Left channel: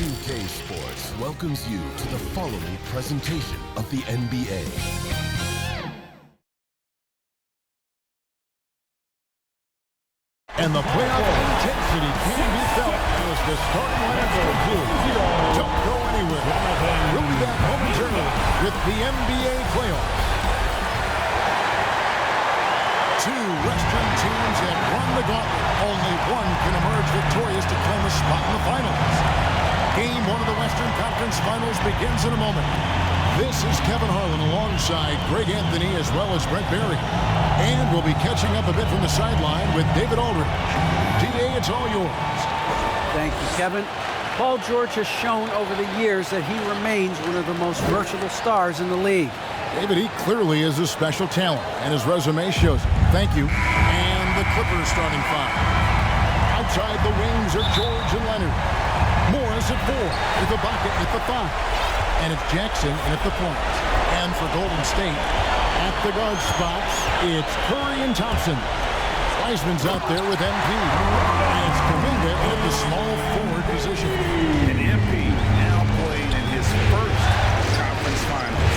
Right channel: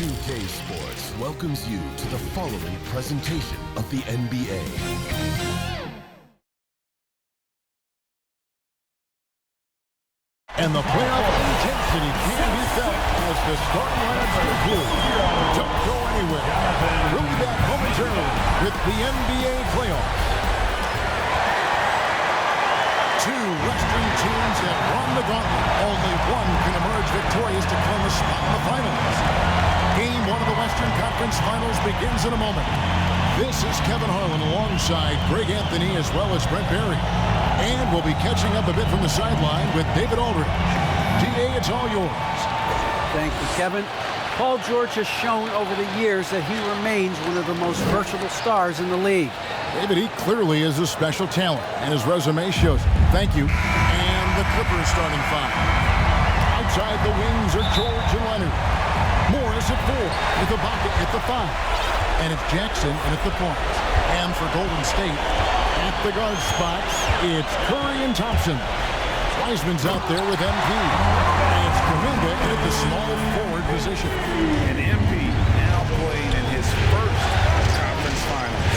2K Sports welcomes you to the following presentation of the NBA. And the playoff intensity can be felt as the starting lineups conclude. Don't go anywhere. We'll be back momentarily with the NBA playoffs. Two Western teams have run the gauntlet. Only one can emerge victorious to claim a spot in the finals. Game 1 of the Western Conference Finals begins in a moment. This is Kevin Harlan alongside Greg Anthony as well as Brent Barry. And we'll be catching up a bit from the sideline with David Aldridge. DA, it's all yours. Thank you, Kevin. Paul George has shown over the years that he remains one of the most versatile stars in the league. David, he clearly is a special talent, and his resume shows it. Thank you. And the Clippers starting five. Outside the wings are George and Leonard. Morris at 4, with Ibaka at the 5. And it's Jackson in at the point. And for Golden State, at the guard spots, it's Curry and Thompson. Wiseman's out there with MP. And it's Kuminga in at the small forward position. And MP now playing in his first conference finals.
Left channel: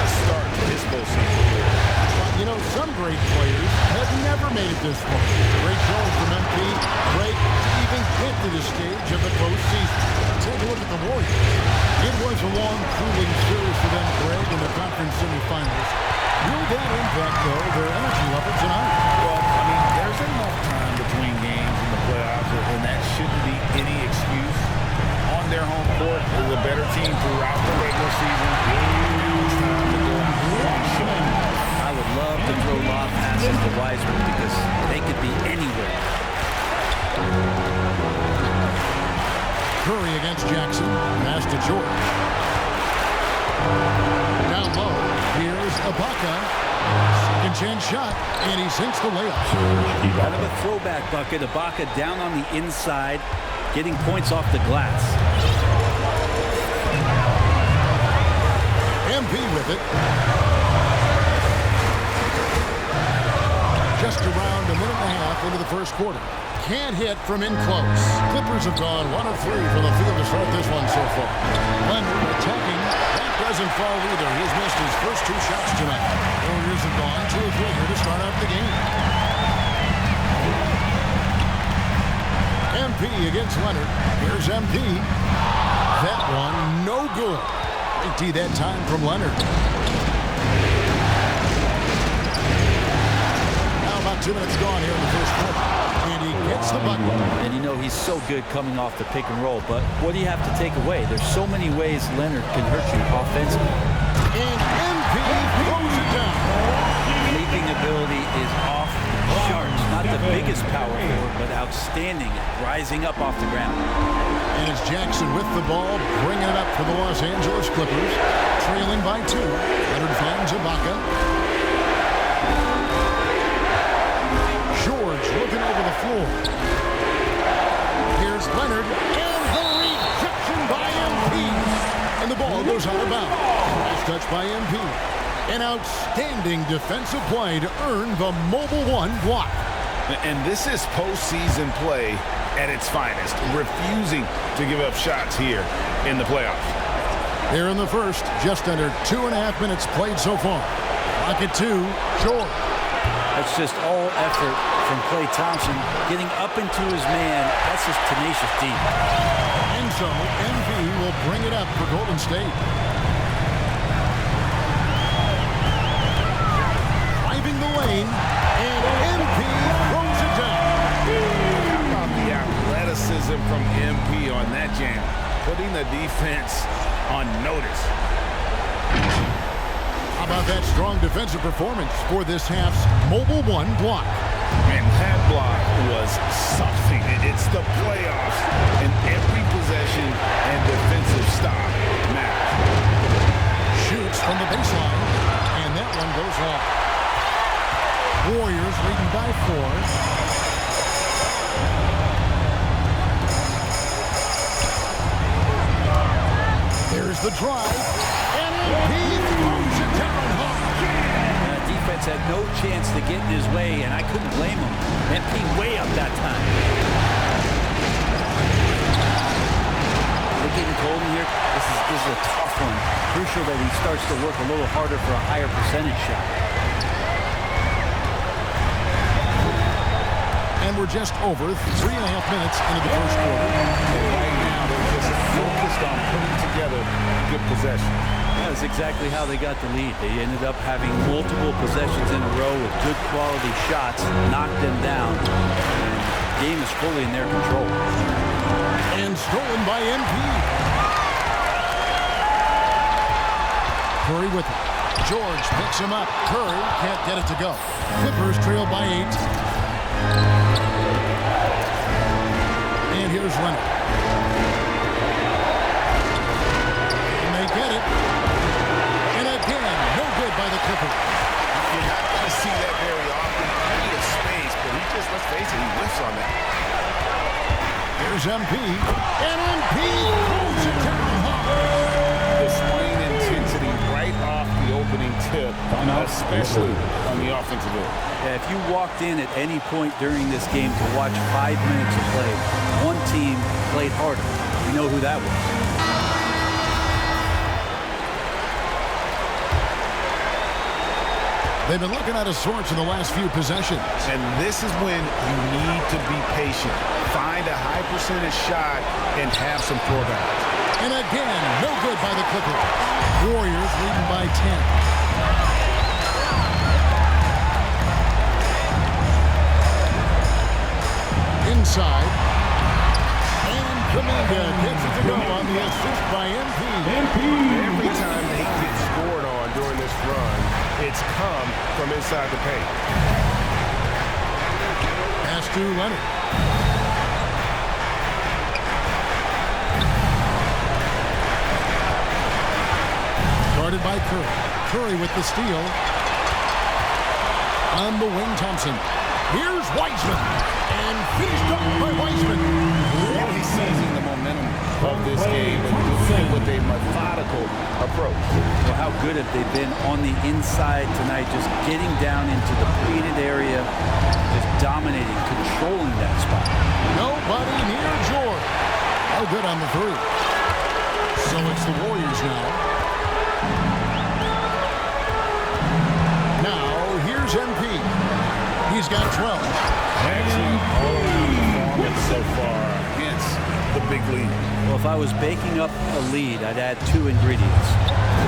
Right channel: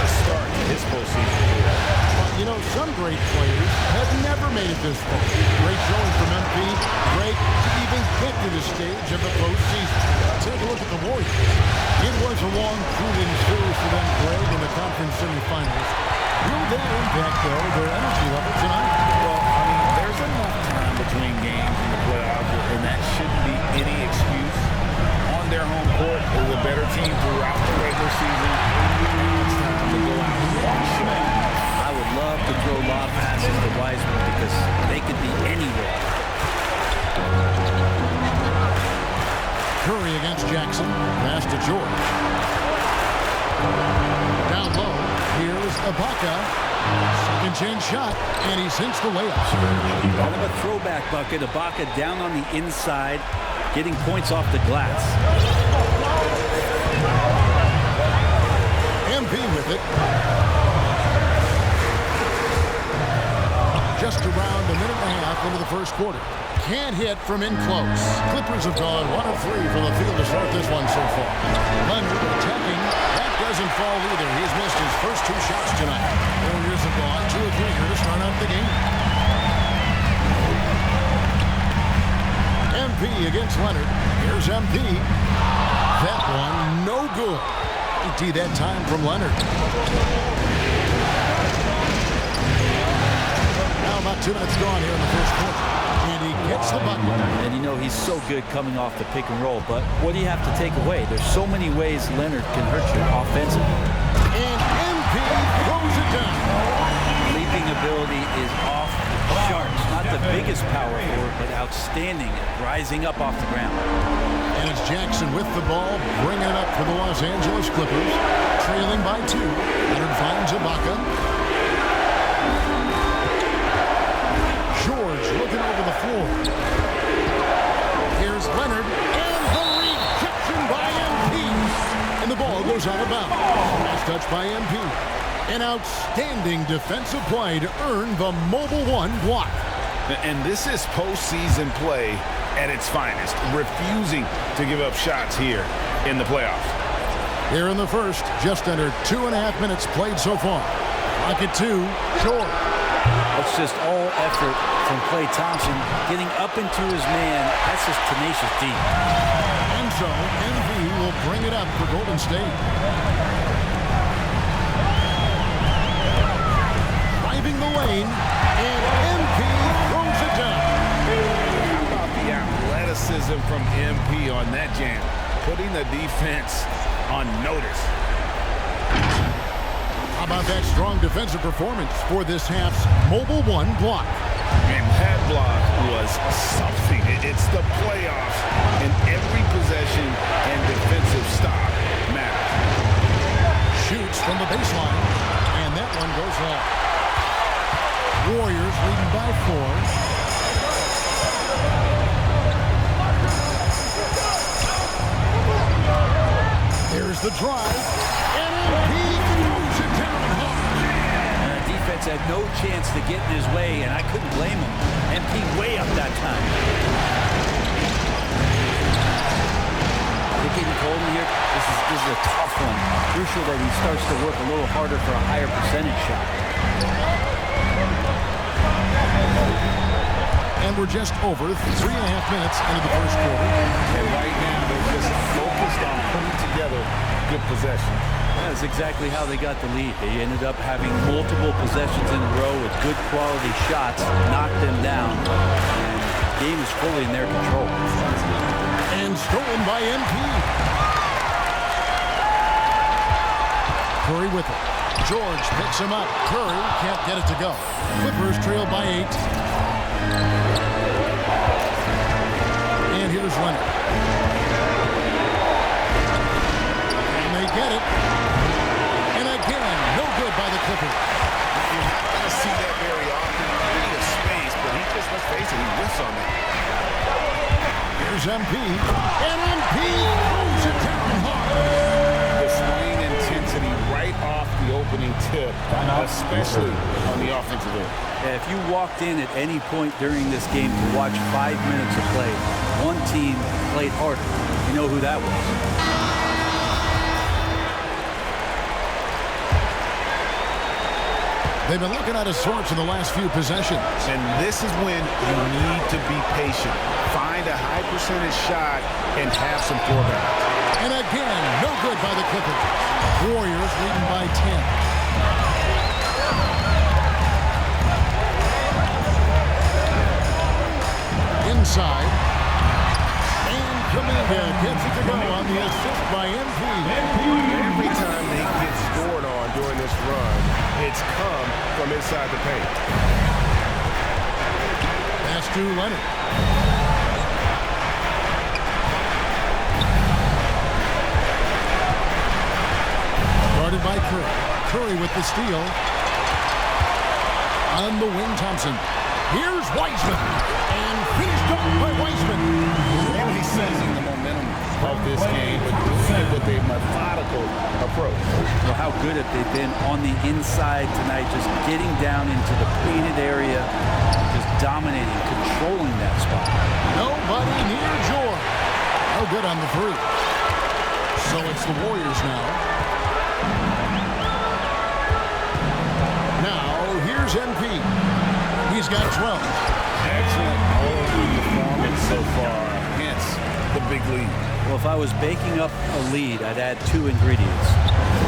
A start to his postseason career. But, you know, some great players have never made it this far. Great showing from MP. Great to even get to this stage of the postseason. Take a look at the Warriors. It was a long, grueling series for them, Greg, in the conference semifinals. Will that impact, though, their energy level tonight? Well, I mean, there's enough time between games in the playoffs, and that shouldn't be any excuse. On their home court, is a better team throughout the regular season. Now it's time to go out and show. I would love to throw lob passes to Wiseman because they could be anywhere. Curry against Jackson. Pass to George. Down low. Here's Ibaka. Second chance shot, and he sinks the layup. Kind of a throwback bucket. Ibaka down on the inside, getting points off the glass. MP with it. Just around a minute and a half into the first quarter. Can't hit from in close. Clippers have gone 1 of 3 from the field to start this one so far. Leonard attacking. That doesn't fall either. He's missed his first 2 shots tonight. Warriors have gone 2 of 3 here to start out the game. MP against Leonard. Here's MP. That one no good. Great D that time from Leonard. Now about 2 minutes gone here in the first quarter. And he gets the bucket. And you know he's so good coming off the pick and roll, but what do you have to take away? There's so many ways Leonard can hurt you offensively. And MP throws it down. Leaping ability is off the charts. Not the biggest power forward, but outstanding at rising up off the ground. And it's Jackson with the ball, bringing it up for the Los Angeles Clippers. Trailing by 2. Leonard finds Ibaka. George looking over the floor. Here's Leonard, and the rejection by MP. And the ball goes out of bounds. Last touch by MP. An outstanding defensive play to earn the Mobile 1 block. And this is postseason play at its finest, refusing to give up shots here in the playoffs. Here in the first, just under 2.5 minutes played so far. Clock at 2, George. That's just all effort from Klay Thompson, getting up into his man. That's just tenacious D. And so, MV will bring it up for Golden State. Driving the lane, and MP throws it down. How about the athleticism from MP on that jam? Putting the defense on notice. How about that strong defensive performance for this half's Mobile 1 block? And that block was something. It's the playoffs, and every possession and defensive stop matters. Shoots from the baseline, and that one goes long. Warriors leading by 4. There's the drive, and MP throws it down hard. Defense had no chance to get in his way, and I couldn't blame him. MP way up that time. They're getting cold in here. This is a tough one. Crucial that he starts to work a little harder for a higher percentage shot. And we're just over 3.5 minutes into the first quarter. And right now, they're just focused on putting together good possession. That's exactly how they got the lead. They ended up having multiple possessions in a row with good quality shots, knocked them down, and the game is fully in their control. And stolen by MP. Curry with it. George picks him up. Curry can't get it to go. Clippers trail by 8. And here's Leonard. And they get it. And again, no good by the Clippers. You're not going to see that very often. Plenty of space, but he just, let's face it, he whiffs on that. Here's MP. And MP throws it down hard. Displaying intensity right off the opening tip, especially on the offensive end. Yeah, if you walked in at any point during this game to watch 5 minutes of play, one team played harder. You know who that was. They've been looking out of sorts in the last few possessions. And this is when you need to be patient. Find a high percentage shot and have some floor balance. And again, no good by the Clippers. Warriors leading by 10. Inside. And Kuminga gets it to go on the assist by MP. Every time they get scored on during this run, it's come from inside the paint. Pass to Leonard. Guarded by Curry. Curry with the steal. On the wing, Thompson. Here's Wiseman. And finished off by Wiseman. Really seizing the momentum of this game, but doing it with a methodical approach. Well, how good have they been on the inside tonight, just getting down into the painted area and just dominating, controlling that spot. Nobody near George. No good on the 3. So it's the Warriors now. Now, here's MP. He's got 12. Excellent all-around performance so far, hence the big lead. Well, if I was baking up a lead, I'd add 2 ingredients.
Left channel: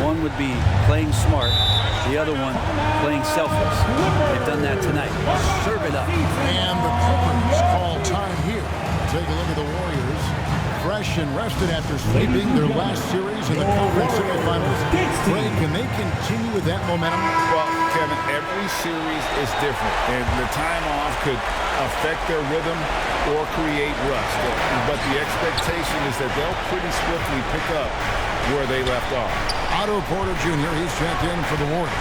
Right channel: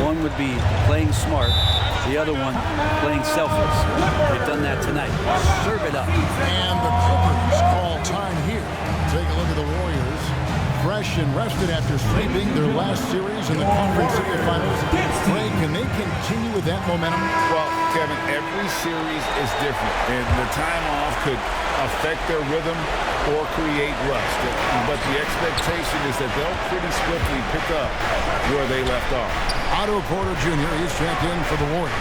One would be playing smart, the other one playing selfless. They've done that tonight. Serve it up. And the Clippers call time here. Take a look at the Warriors. Fresh and rested after sweeping their last series in the conference semifinals. Ray, can they continue with that momentum? Well, Kevin, every series is different, and the time off could affect their rhythm or create rust. But the expectation is that they'll pretty swiftly pick up where they left off. Otto Porter Jr., he's checked in for the Warriors.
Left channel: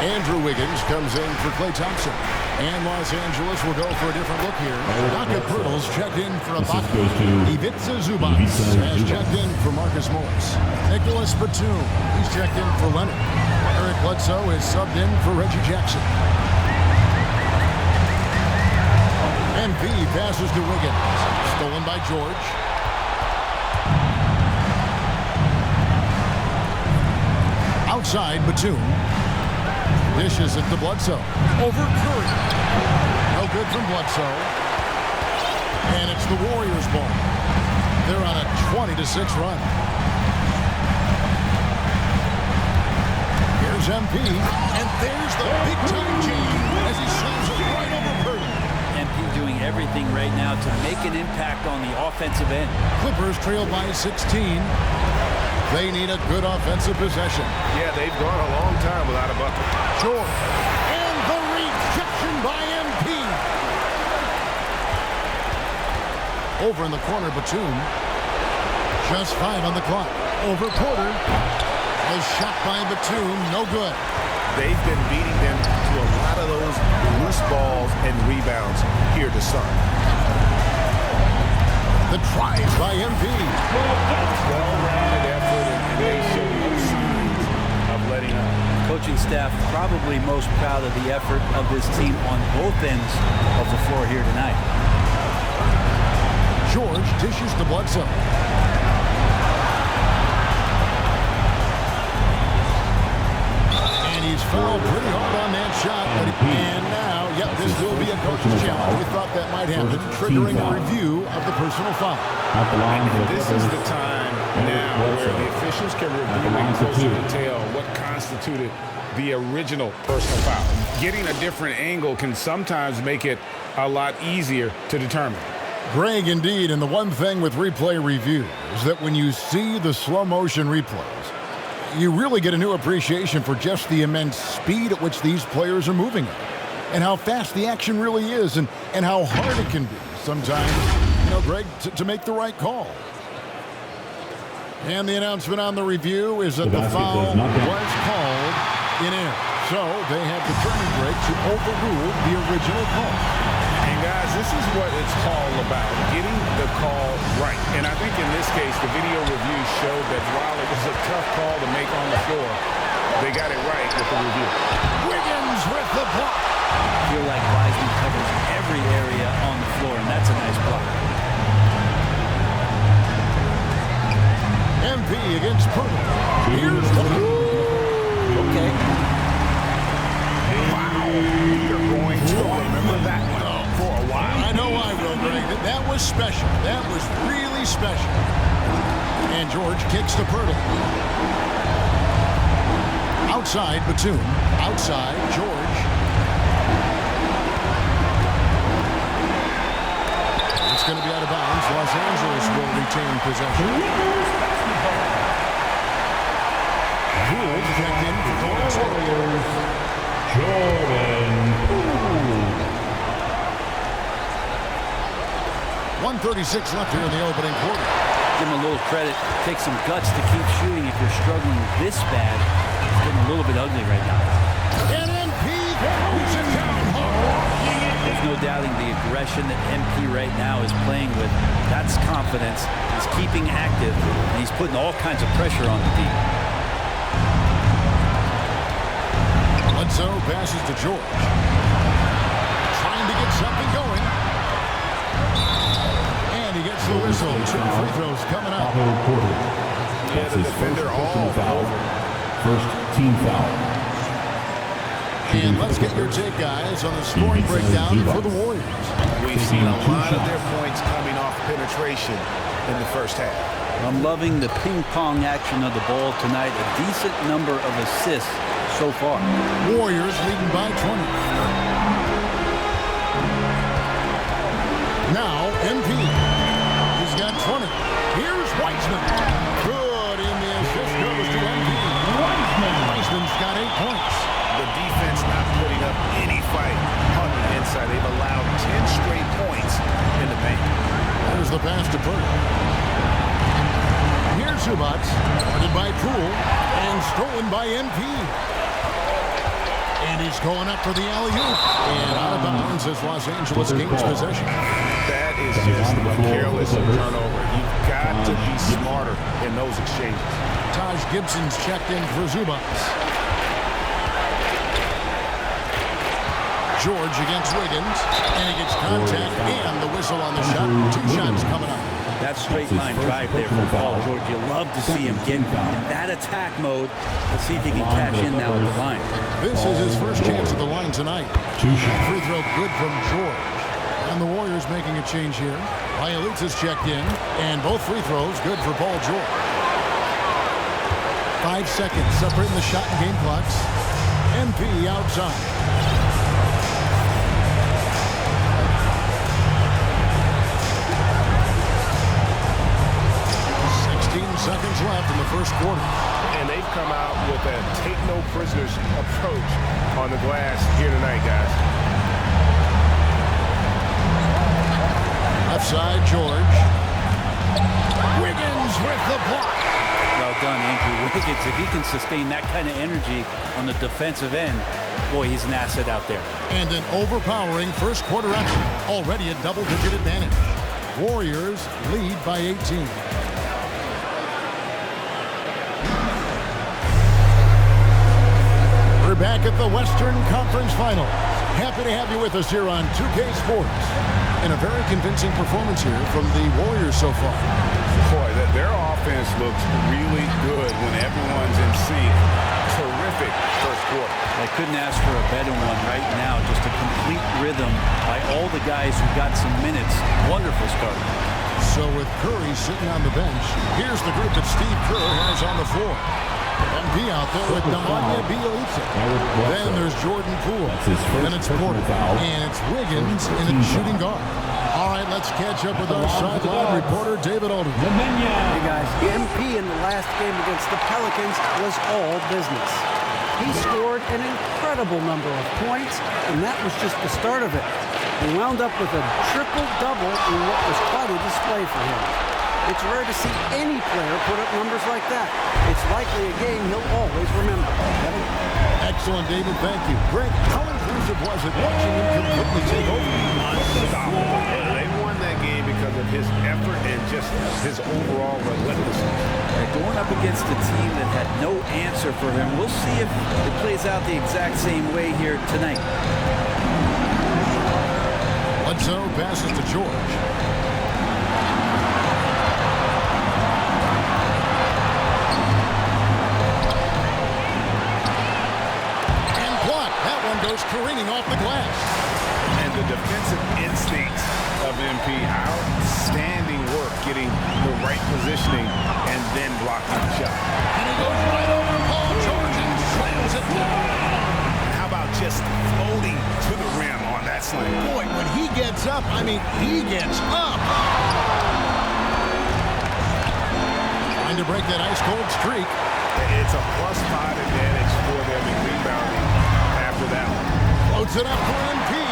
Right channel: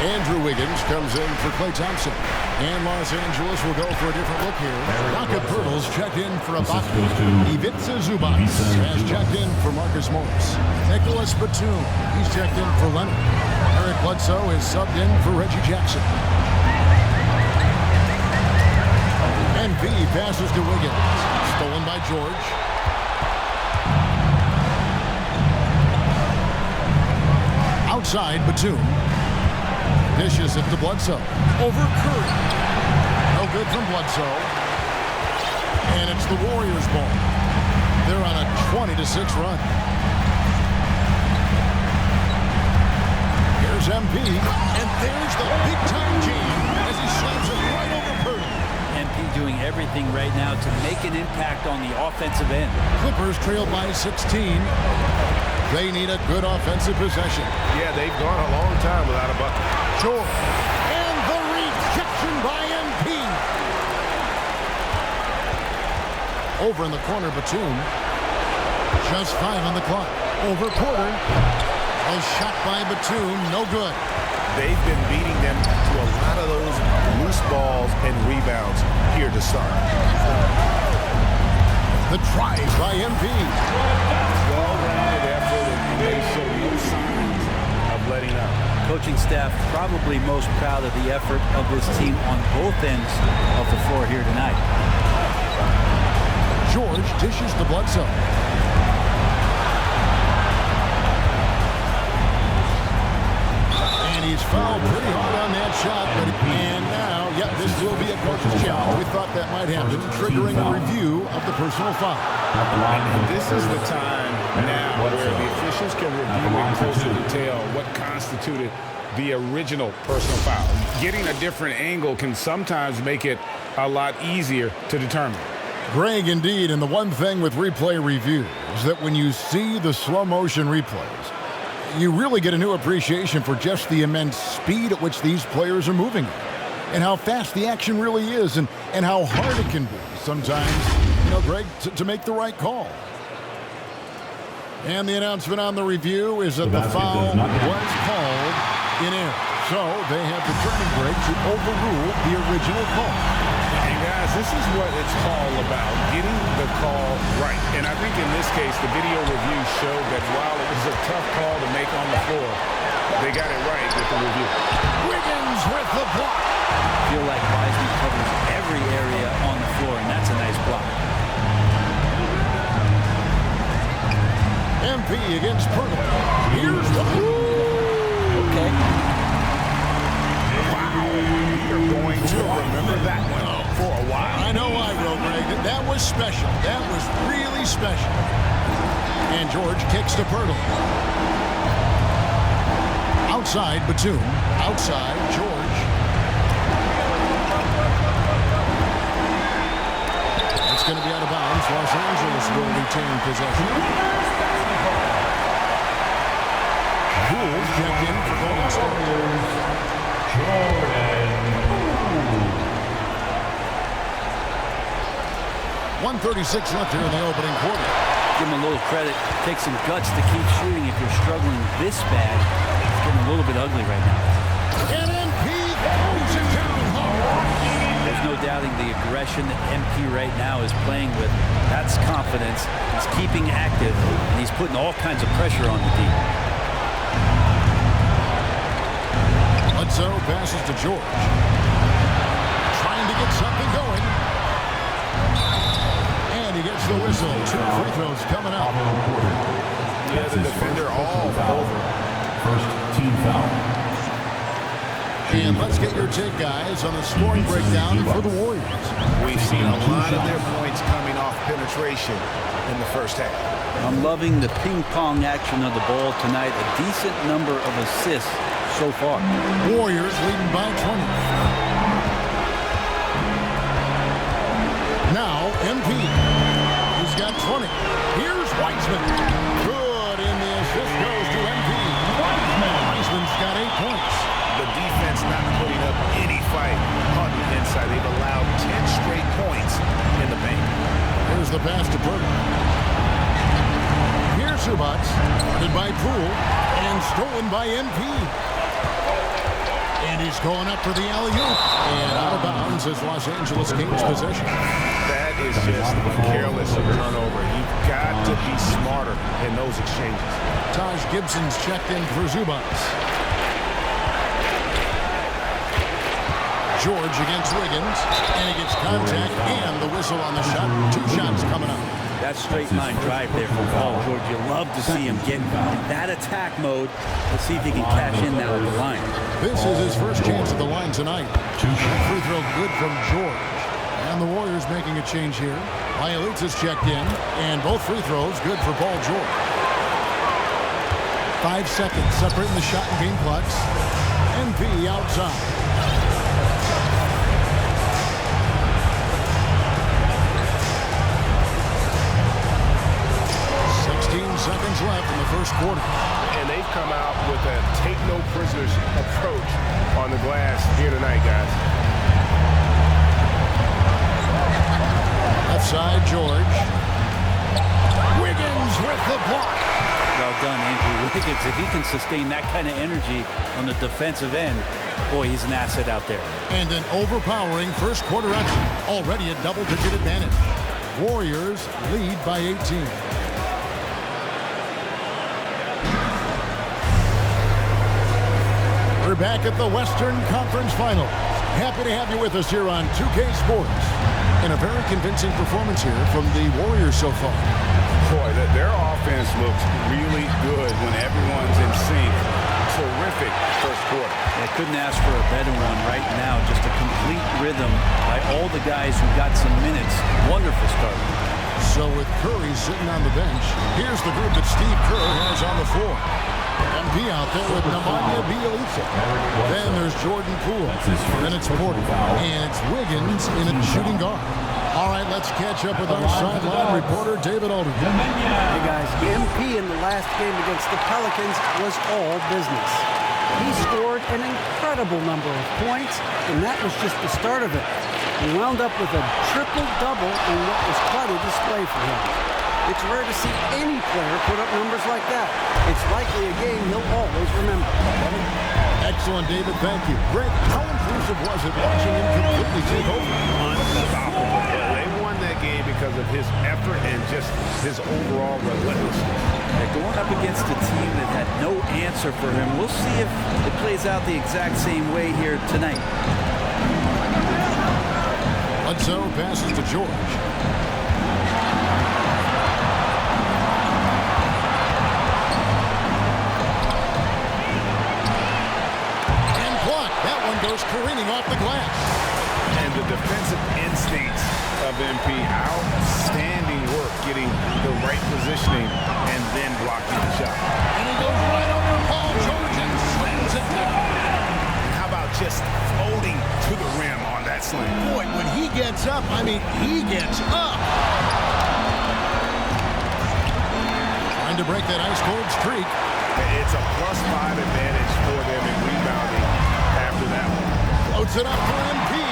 Andrew Wiggins comes in for Klay Thompson. And Los Angeles will go for a different look here. Doka Pirtle's checked in for Ibaka. Ivica Zubac has checked in for Marcus Morris. Nicholas Batum, he's checked in for Leonard. Eric Bledsoe is subbed in for Reggie Jackson. MP passes to Wiggins. Stolen by George. Outside, Batum. Dishes it to Bledsoe. Over Curry. No good from Bledsoe. And it's the Warriors' ball. They're on a 20-6 run. Here's MP. And there's the big-time jam as he slams it right over Pirtle. MP doing everything right now to make an impact on the offensive end. Clippers trail by 16. They need a good offensive possession. Yeah, they've gone a long time without a bucket. George. And the rejection by MP. Over in the corner, Batum. Just 5 on the clock. Over Porter. A shot by Batum, no good. They've been beating them to a lot of those loose balls and rebounds here to start. The drive by MP. Well-rounded effort, and they show no signs of letting up. Coaching staff probably most proud of the effort of this team on both ends of the floor here tonight. George dishes to Bledsoe. And he's fouled pretty hard on that shot. And now, yep, this will be a coach's challenge. We thought that might happen, triggering a review of the personal foul. And this is the time now where the officials can review in closer detail what constituted the original personal foul. Getting a different angle can sometimes make it a lot easier to determine. Greg, indeed, and the one thing with replay review is that when you see the slow motion replays, you really get a new appreciation for just the immense speed at which these players are moving at, and how fast the action really is, and how hard it can be sometimes, you know, Greg, to make the right call. And the announcement on the review is that the foul was called in error. So they have determined, Greg, to overrule the original call. And guys, this is what it's all about, getting the call right. And I think in this case, the video review showed that while it was a tough call to make on the floor, they got it right with the review. Wiggins with the block. I feel like Wiseman covers every area on the floor, and that's a nice block. MP against Pirtle. Here's one. Okay. Wow, you're going to remember that one for a while. I know I will, Greg. That was special. That was really special. And George kicks to Pirtle. Outside, Batum. Outside, George. It's going to be out of bounds. Los Angeles will retain possession. Poole's checked in for Golden State. Jordan Poole. 1:36 left here in the opening quarter. Give him a little credit. Take some guts to keep shooting if you're struggling this bad. It's getting a little bit ugly right now. And MP throws it down hard. There's no doubting the aggression that MP right now is playing with. That's confidence. He's keeping active, and he's putting all kinds of pressure on the D. Bledsoe passes to George. Trying to get something going. And he gets the whistle. 2 free throws coming up. Yeah, the defender all over. First team foul. And let's get your take, guys, on the scoring breakdown for the Warriors. We've seen a lot of their points coming off penetration in the first half. I'm loving the ping-pong action of the ball tonight. A decent number of assists so far. Warriors leading by 20. Now MP. He's got 20. Here's Wiseman. Good, and the assist goes to MP. Wiseman's got 8 points. The defense not putting up any fight on the inside. They've allowed 10 straight points in the paint. There's the pass to Pirtle. Here's Zubac, guarded by Poole, and stolen by MP. And he's going up for the alley-oop. And out of bounds as Los Angeles gains possession. That is just a careless turnover. You've got to be smarter in those exchanges. Taj Gibson's checked in for Zubac. George against Wiggins, and he gets contact and the whistle on the shot. 2 shots coming up. That straight line drive there from Paul George. You love to see him get in that attack mode. Let's see if he can cash in now at the line. This is his first chance at the line tonight. That free throw good from George. And the Warriors making a change here. Bielitsa's checked in, and both free throws good for Paul George. 5 seconds separating the shot and game clocks. MP outside. 16 7 seconds left in the first quarter. And they've come out with a take-no-prisoners approach on the glass here tonight, guys. Left side, George. Wiggins with the block. Well done, Andrew Wiggins. If he can sustain that kind of energy on the defensive end, boy, he's an asset out there. And an overpowering first quarter action. Already a double-digit advantage. Warriors lead by 18. We're back at the Western Conference Finals. Happy to have you with us here on 2K Sports. And a very convincing performance here from the Warriors so far. Boy, their offense looks really good when everyone's in sync. Terrific first quarter. I couldn't ask for a better one right now. Just a complete rhythm by all the guys who got some minutes. Wonderful start. So with Curry sitting on the bench, here's the group that Steve Kerr has on the floor. MP out there with Nemanja Bjelica. Then there's Jordan Poole. Then it's Porter. And it's Wiggins in a shooting guard. All right, let's catch up with our sideline reporter, David Aldridge. Hey, guys. MP in the last game against the Pelicans was all business. He scored an incredible number of points, and that was just the start of it. He wound up with a triple-double in what was quite a display for him. It's rare to see any player put up numbers like that. It's likely a game he'll always remember. Kevin? Excellent, David. Thank you. Greg, how impressive was it watching him completely take over? Unstoppable. They won that game because of his effort and just his overall relentlessness. Going up against a team that had no answer for him. We'll see if it plays out the exact same way here tonight. Bledsoe passes to George. Block. That one goes careening off the glass. And the defensive instincts of MP, outstanding work getting the right positioning and then blocking the shot. And he goes right over Paul George and slams it down. And how about just floating to the rim on that slam? Boy, when he gets up, I mean, he gets up. Trying to break that ice-cold streak. It's a +5 advantage for them in rebounding after that one. Floats it up for MP.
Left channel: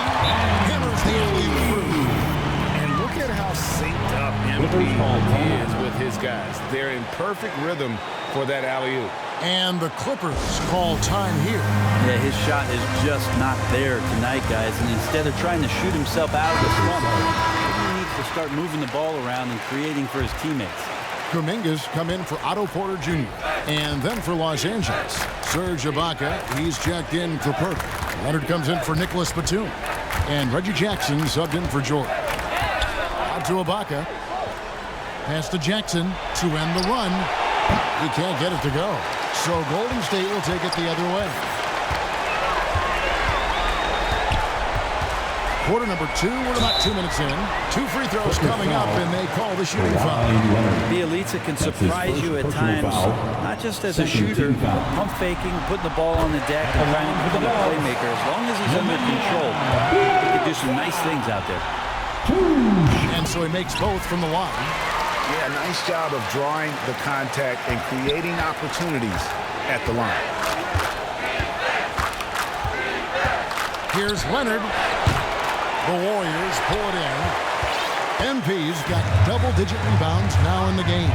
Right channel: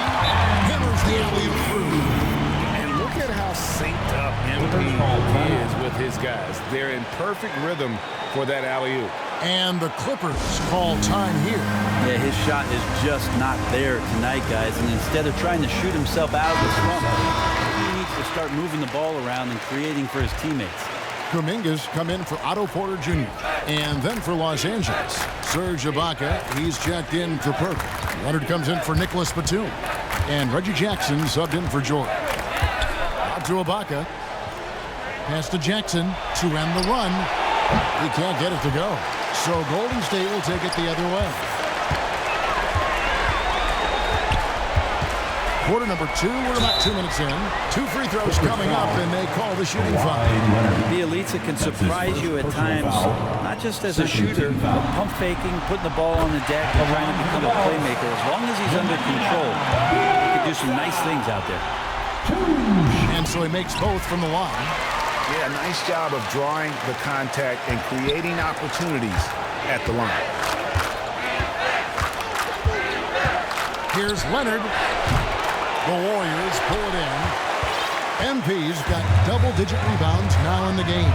Hammers the alley-oop through. And look at how synced up MP is with his guys. They're in perfect rhythm for that alley-oop. And the Clippers call time here. Yeah, his shot is just not there tonight, guys. And instead of trying to shoot himself out of the slump, maybe he needs to start moving the ball around and creating for his teammates. Kuminga's come in for Otto Porter Jr. And then for Los Angeles, Serge Ibaka, he's checked in for Perk. Leonard comes in for Nicholas Batum. And Reggie Jackson subbed in for George. Out to Ibaka. Pass to Jackson to end the run. He can't get it to go. So Golden State will take it the other way. Quarter number 2, we're about 2 minutes in. 2 free throws coming up, and they call the shooting foul. Bjelica can surprise you at times, not just as a shooter, but pump faking, putting the ball on the deck, and trying to become a playmaker. As long as he's under control, he can do some nice things out there. And so he makes both from the line. Yeah, nice job of drawing the contact and creating opportunities at the line. Here's Leonard. The Warriors pull it in. MP's got double-digit rebounds now in the game.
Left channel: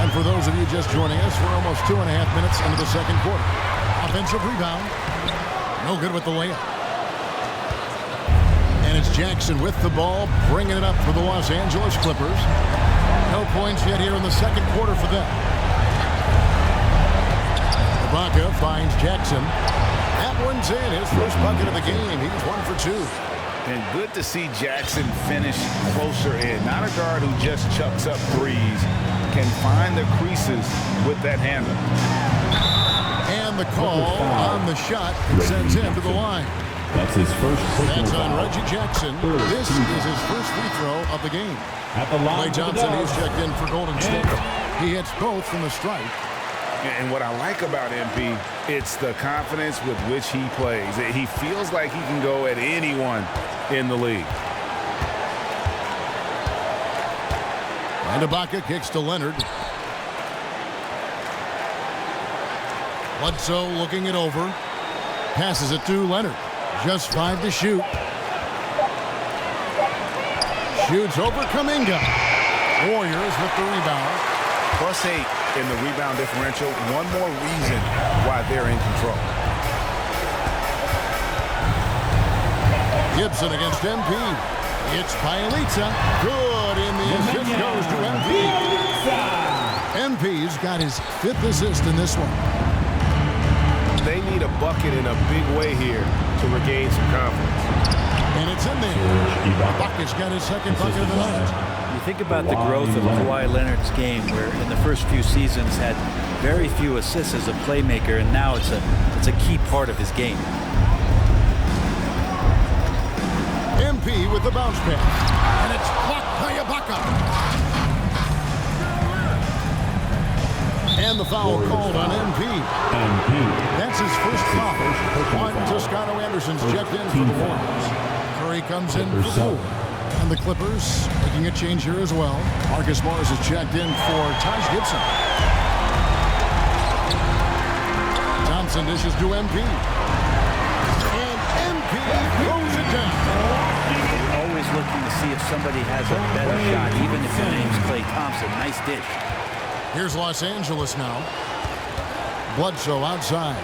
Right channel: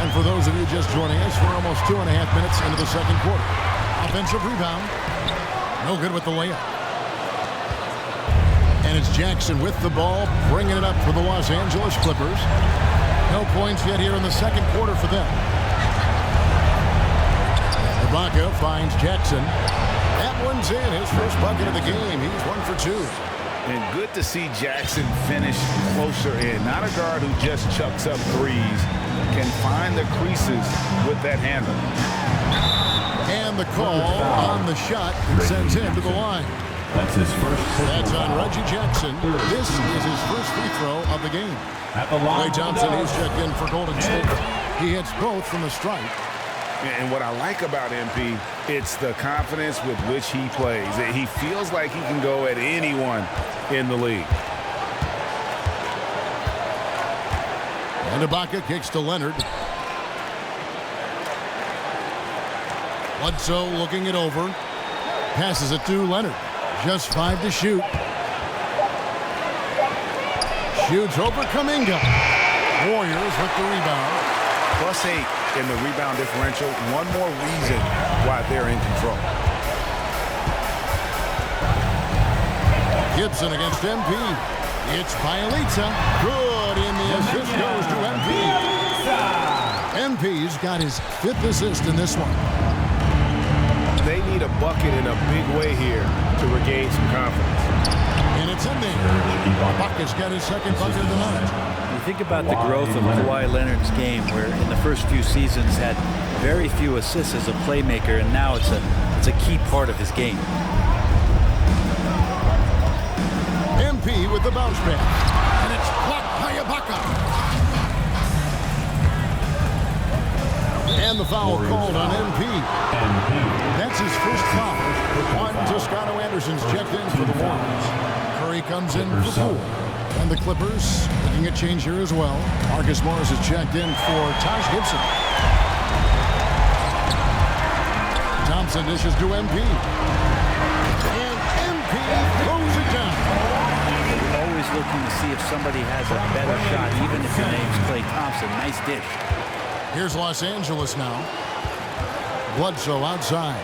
And for those of you just joining us, we're almost 2.5 minutes into the second quarter. Offensive rebound. No good with the layup. And it's Jackson with the ball, bringing it up for the Los Angeles Clippers. No points yet here in the second quarter for them. Ibaka finds Jackson. That one's in, his first bucket of the game. He's 1 for 2. And good to see Jackson finish closer in. Not a guard who just chucks up threes. Can find the creases with that handle. And the call on the shot that sends him to the line. That's his first. That's on Reggie Jackson. This is his first free throw of the game. Klay Thompson, he's checked in for Golden State. He hits both from the stripe. And what I like about MP, it's the confidence with which he plays. He feels like he can go at anyone in the league. And Ibaka kicks to Leonard. Bledsoe looking it over. Passes it to Leonard. Just 5 to shoot. Shoots over Kuminga. Warriors with the rebound. +8 in the rebound differential. One more reason why they're in control. Gibson against MP. It's Bielitsa. Good, and the assist goes to MP. MP's got his 5th assist in this one. They need a bucket in a big way here to regain some confidence. And it's in there. Ibaka's got his 2nd bucket of the night. You think about the growth of Kawhi Leonard's game, where in the first few seasons had very few assists as a playmaker, and now it's a key part of his game. MP with the bounce pass. And it's blocked by Ibaka. And the foul called on MP. That's his first foul. Juan Toscano Anderson's checked in for the Warriors. Curry comes in for Poole. And the Clippers making a change here as well. Marcus Morris is checked in for Taj Gibson. Thompson dishes to MP. And MP throws it down. You're always looking to see if somebody has a better shot, even if your name's Klay Thompson. Nice dish. Here's Los Angeles now. Bledsoe outside.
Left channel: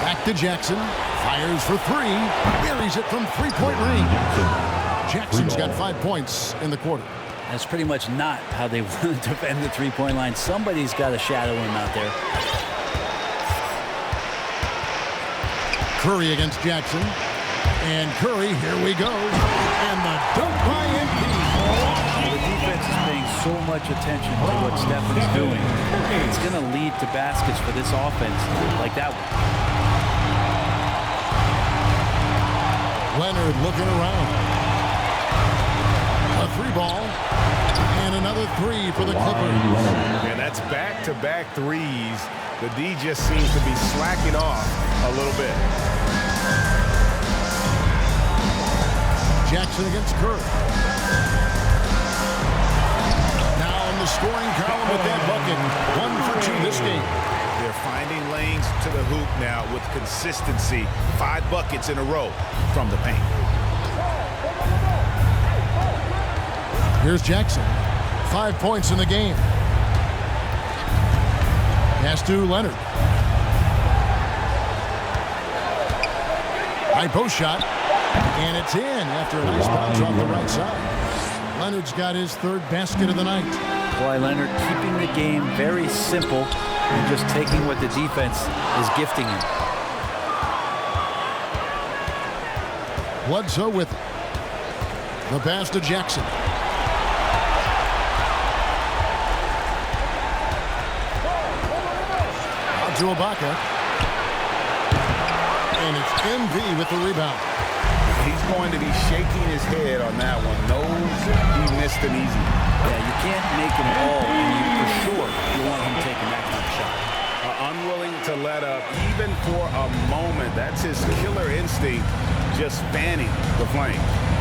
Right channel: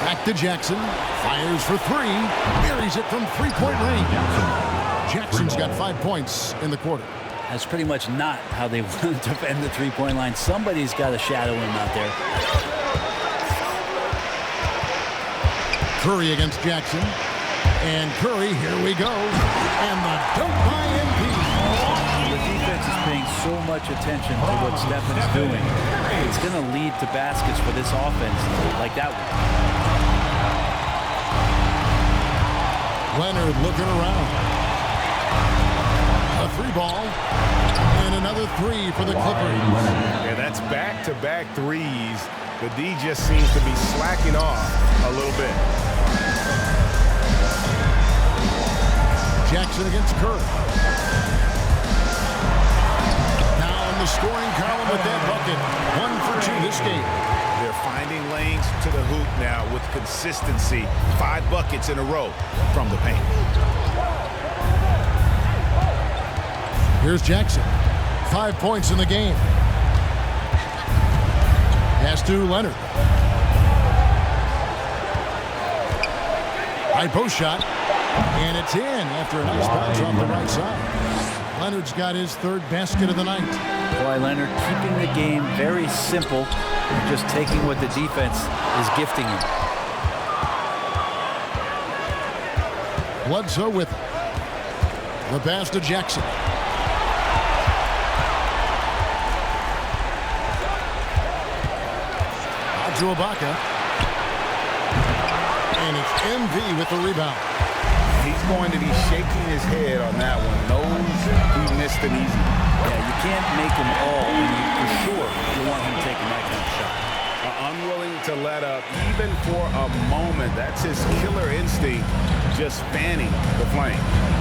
Back to Jackson. Fires for 3. Buries it from 3-point range. Jackson's got 5 points in the quarter. That's pretty much not how they want to defend the 3-point line. Somebody's got to shadow him out there. Curry against Jackson. And Curry, here we go. And the dunk by MP. Well, the defense is paying so much attention to what Stephen's doing. It's going to lead to baskets for this offense like that one. Leonard looking around. A 3-ball. And another 3 for the Clippers. Yeah, that's back-to-back threes. The D just seems to be slacking off a little bit. Jackson against Curry. Now on the scoring column with that bucket. 1 for 2 this game. They're finding lanes to the hoop now with consistency. 5 buckets in a row from the paint. Here's Jackson. 5 points in the game. Pass to Leonard. High post shot. And it's in after a nice bounce off the right side. Leonard's got his 3rd basket of the night. Kawhi Leonard keeping the game very simple and just taking what the defense is gifting him. Bledsoe with it. The pass to Jackson. Out to Ibaka. And it's MP with the rebound. He's going to be shaking his head on that one. Knows he missed an easy one. Yeah, you can't make them all, and you for sure you want him taking that kind of shot. Unwilling to let up even for a moment. That's his killer instinct, just fanning the flame.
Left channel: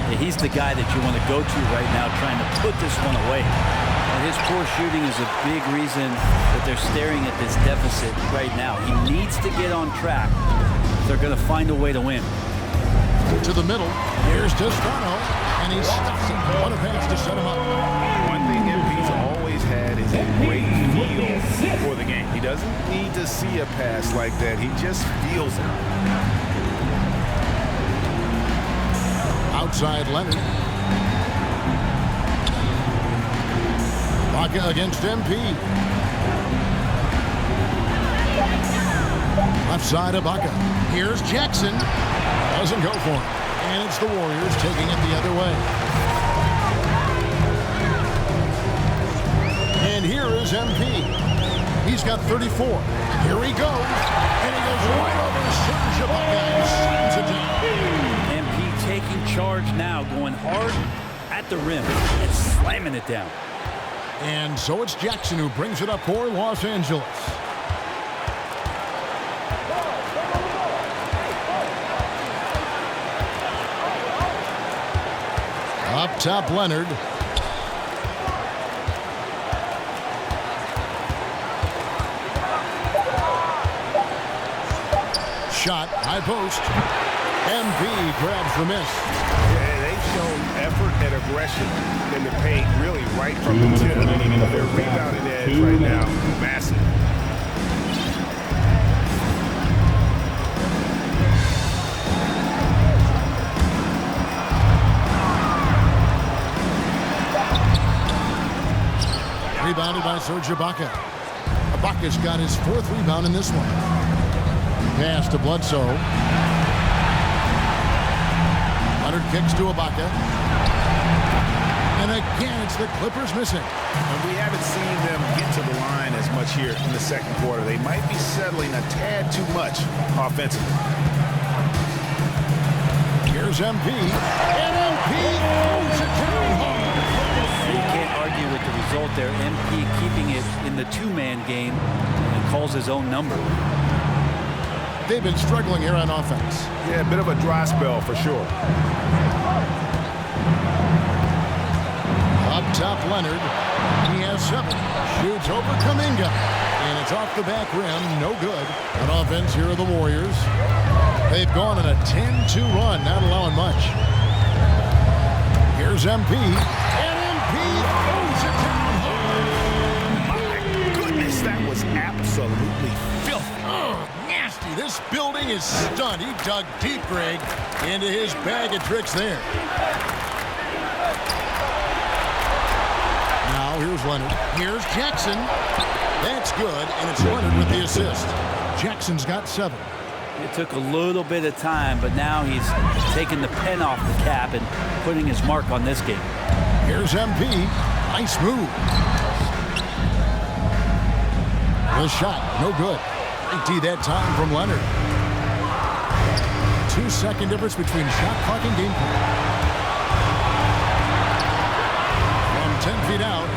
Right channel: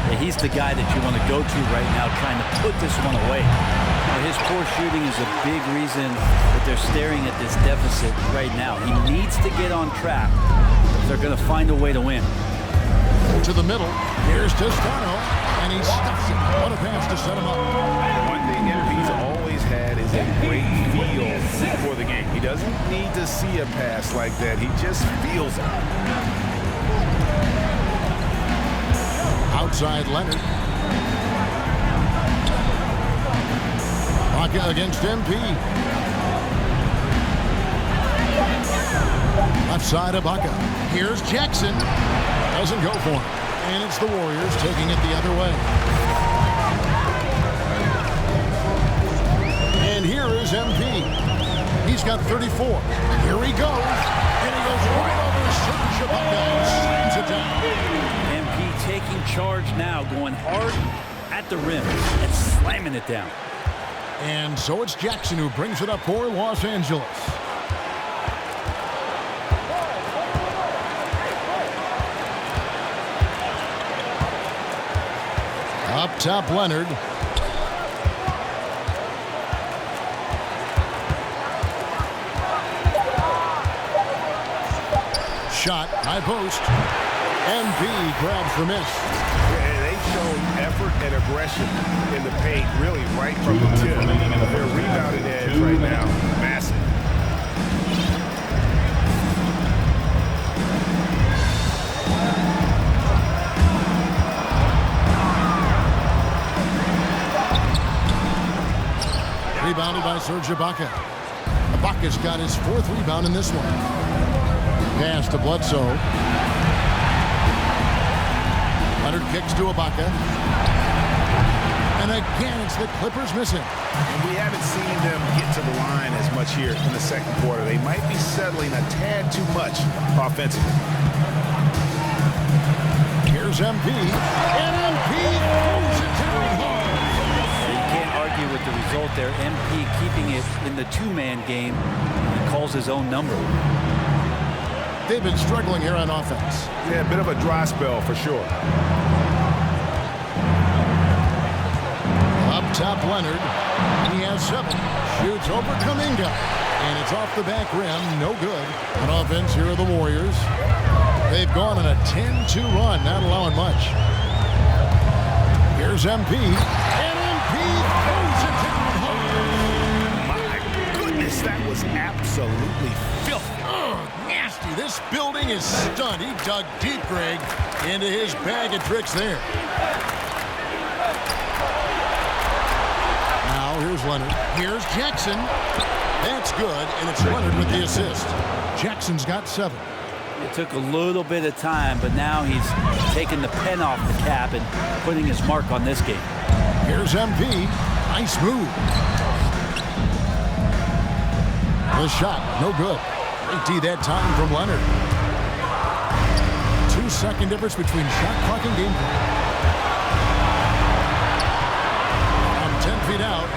Yeah, he's the guy that you want to go to right now, trying to put this one away. Well, his poor shooting is a big reason that they're staring at this deficit right now. He needs to get on track if they're going to find a way to win. To the middle. Here's Toscano. And he stuffs it. What a pass to set him up. One thing MP's always had is a great feel for the game. He doesn't need to see a pass like that. He just feels it. Outside Leonard. Ibaka against MP. Left side Ibaka. Here's Jackson. Doesn't go for him. And it's the Warriors taking it the other way. And here is MP. He's got 34. Here he goes. And he goes right over Serge Ibaka and slams it down. MP taking charge now, going hard at the rim and slamming it down. And so it's Jackson who brings it up for Los Angeles. Up top, Leonard. Shot, high post. MP grabs the miss. Yeah, they've shown effort and aggression in the paint, really right from the tip. Their rebounding edge right now, massive. Rebounded by Serge Ibaka. Ibaka's got his 4th rebound in this one. Pass to Bledsoe. Leonard kicks to Ibaka. And again, it's the Clippers missing. And we haven't seen them get to the line as much here in the second quarter. They might be settling a tad too much offensively. Here's MP. And MP throws it down hard. Yeah, you can't argue with the result there. MP keeping it in the 2-man game, and he calls his own number. They've been struggling here on offense. Yeah, a bit of a dry spell for sure. Up top, Leonard. He has 7. Shoots over Kuminga. And it's off the back rim. No good. On offense, here are the Warriors. They've gone on a 10-2 run, not allowing much. Here's MP. And MP throws it down hard. My goodness, that was absolutely filthy. Ugh, nasty. This building is stunned. He dug deep, Greg, into his bag of tricks there. Now here's Leonard. Here's Jackson. That's good, and it's Leonard with the assist. Jackson's got 7. It took a little bit of time, but now he's taking the pen off the cap and putting his mark on this game. Here's MP. Nice move. The shot, no good. Great D that time from Leonard. 2-second difference between shot clock and game clock. From 10 feet out.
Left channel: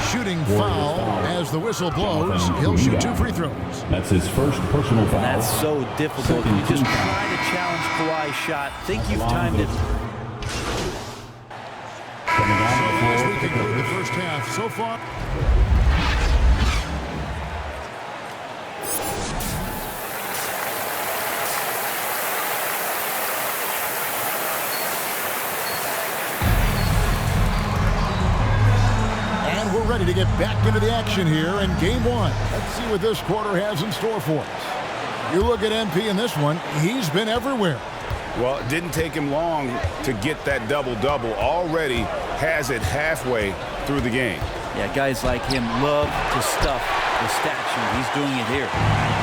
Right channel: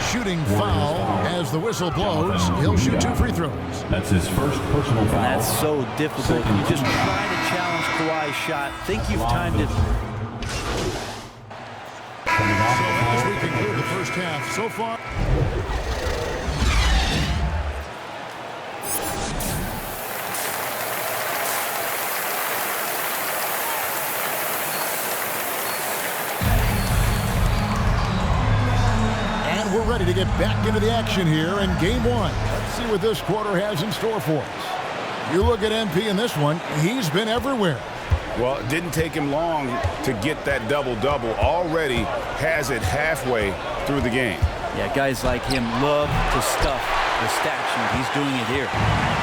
Shooting foul as the whistle blows. He'll shoot 2 free throws. That's his first personal foul. And that's so difficult. You just try to challenge Kawhi's shot. Think you've timed it. So as we conclude the first half, so far. And we're ready to get back into the action here in Game 1. Let's see what this quarter has in store for us. You look at MP in this one, he's been everywhere. Well, it didn't take him long to get that double-double. Already has it halfway through the game. Yeah, guys like him love to stuff the stat sheet. He's doing it here.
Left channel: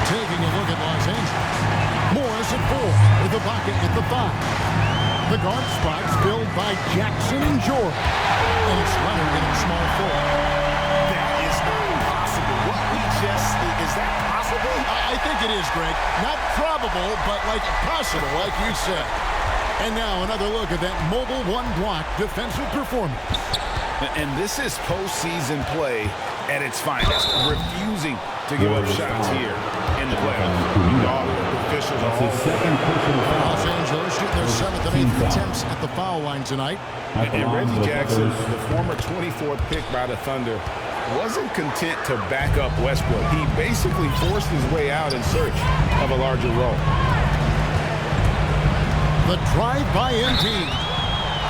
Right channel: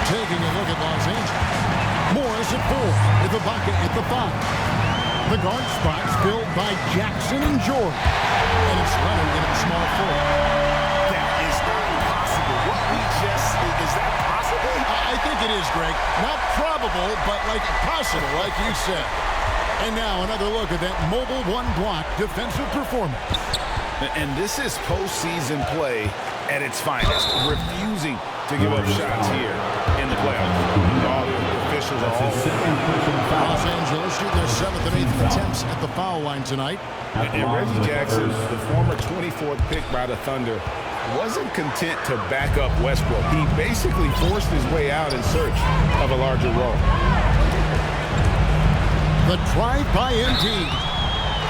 Taking a look at Los Angeles. Morris at 4 with Ibaka at the 5. The guard spots filled by Jackson and George. And it's Leonard in at small forward. That is not possible. What we just, is that possible? I think it is, Greg. Not probable, but like possible, like you said. And now another look at that mobile one-block defensive performance. And this is postseason play at its finest. Refusing to give up shots here in the playoffs. All the officials are all over that. Los Angeles shooting their 7th and 8th attempts at the foul line tonight. And Reggie Jackson, the former 24th pick by the Thunder, wasn't content to back up Westbrook. He basically forced his way out in search of a larger role. The drive by MP.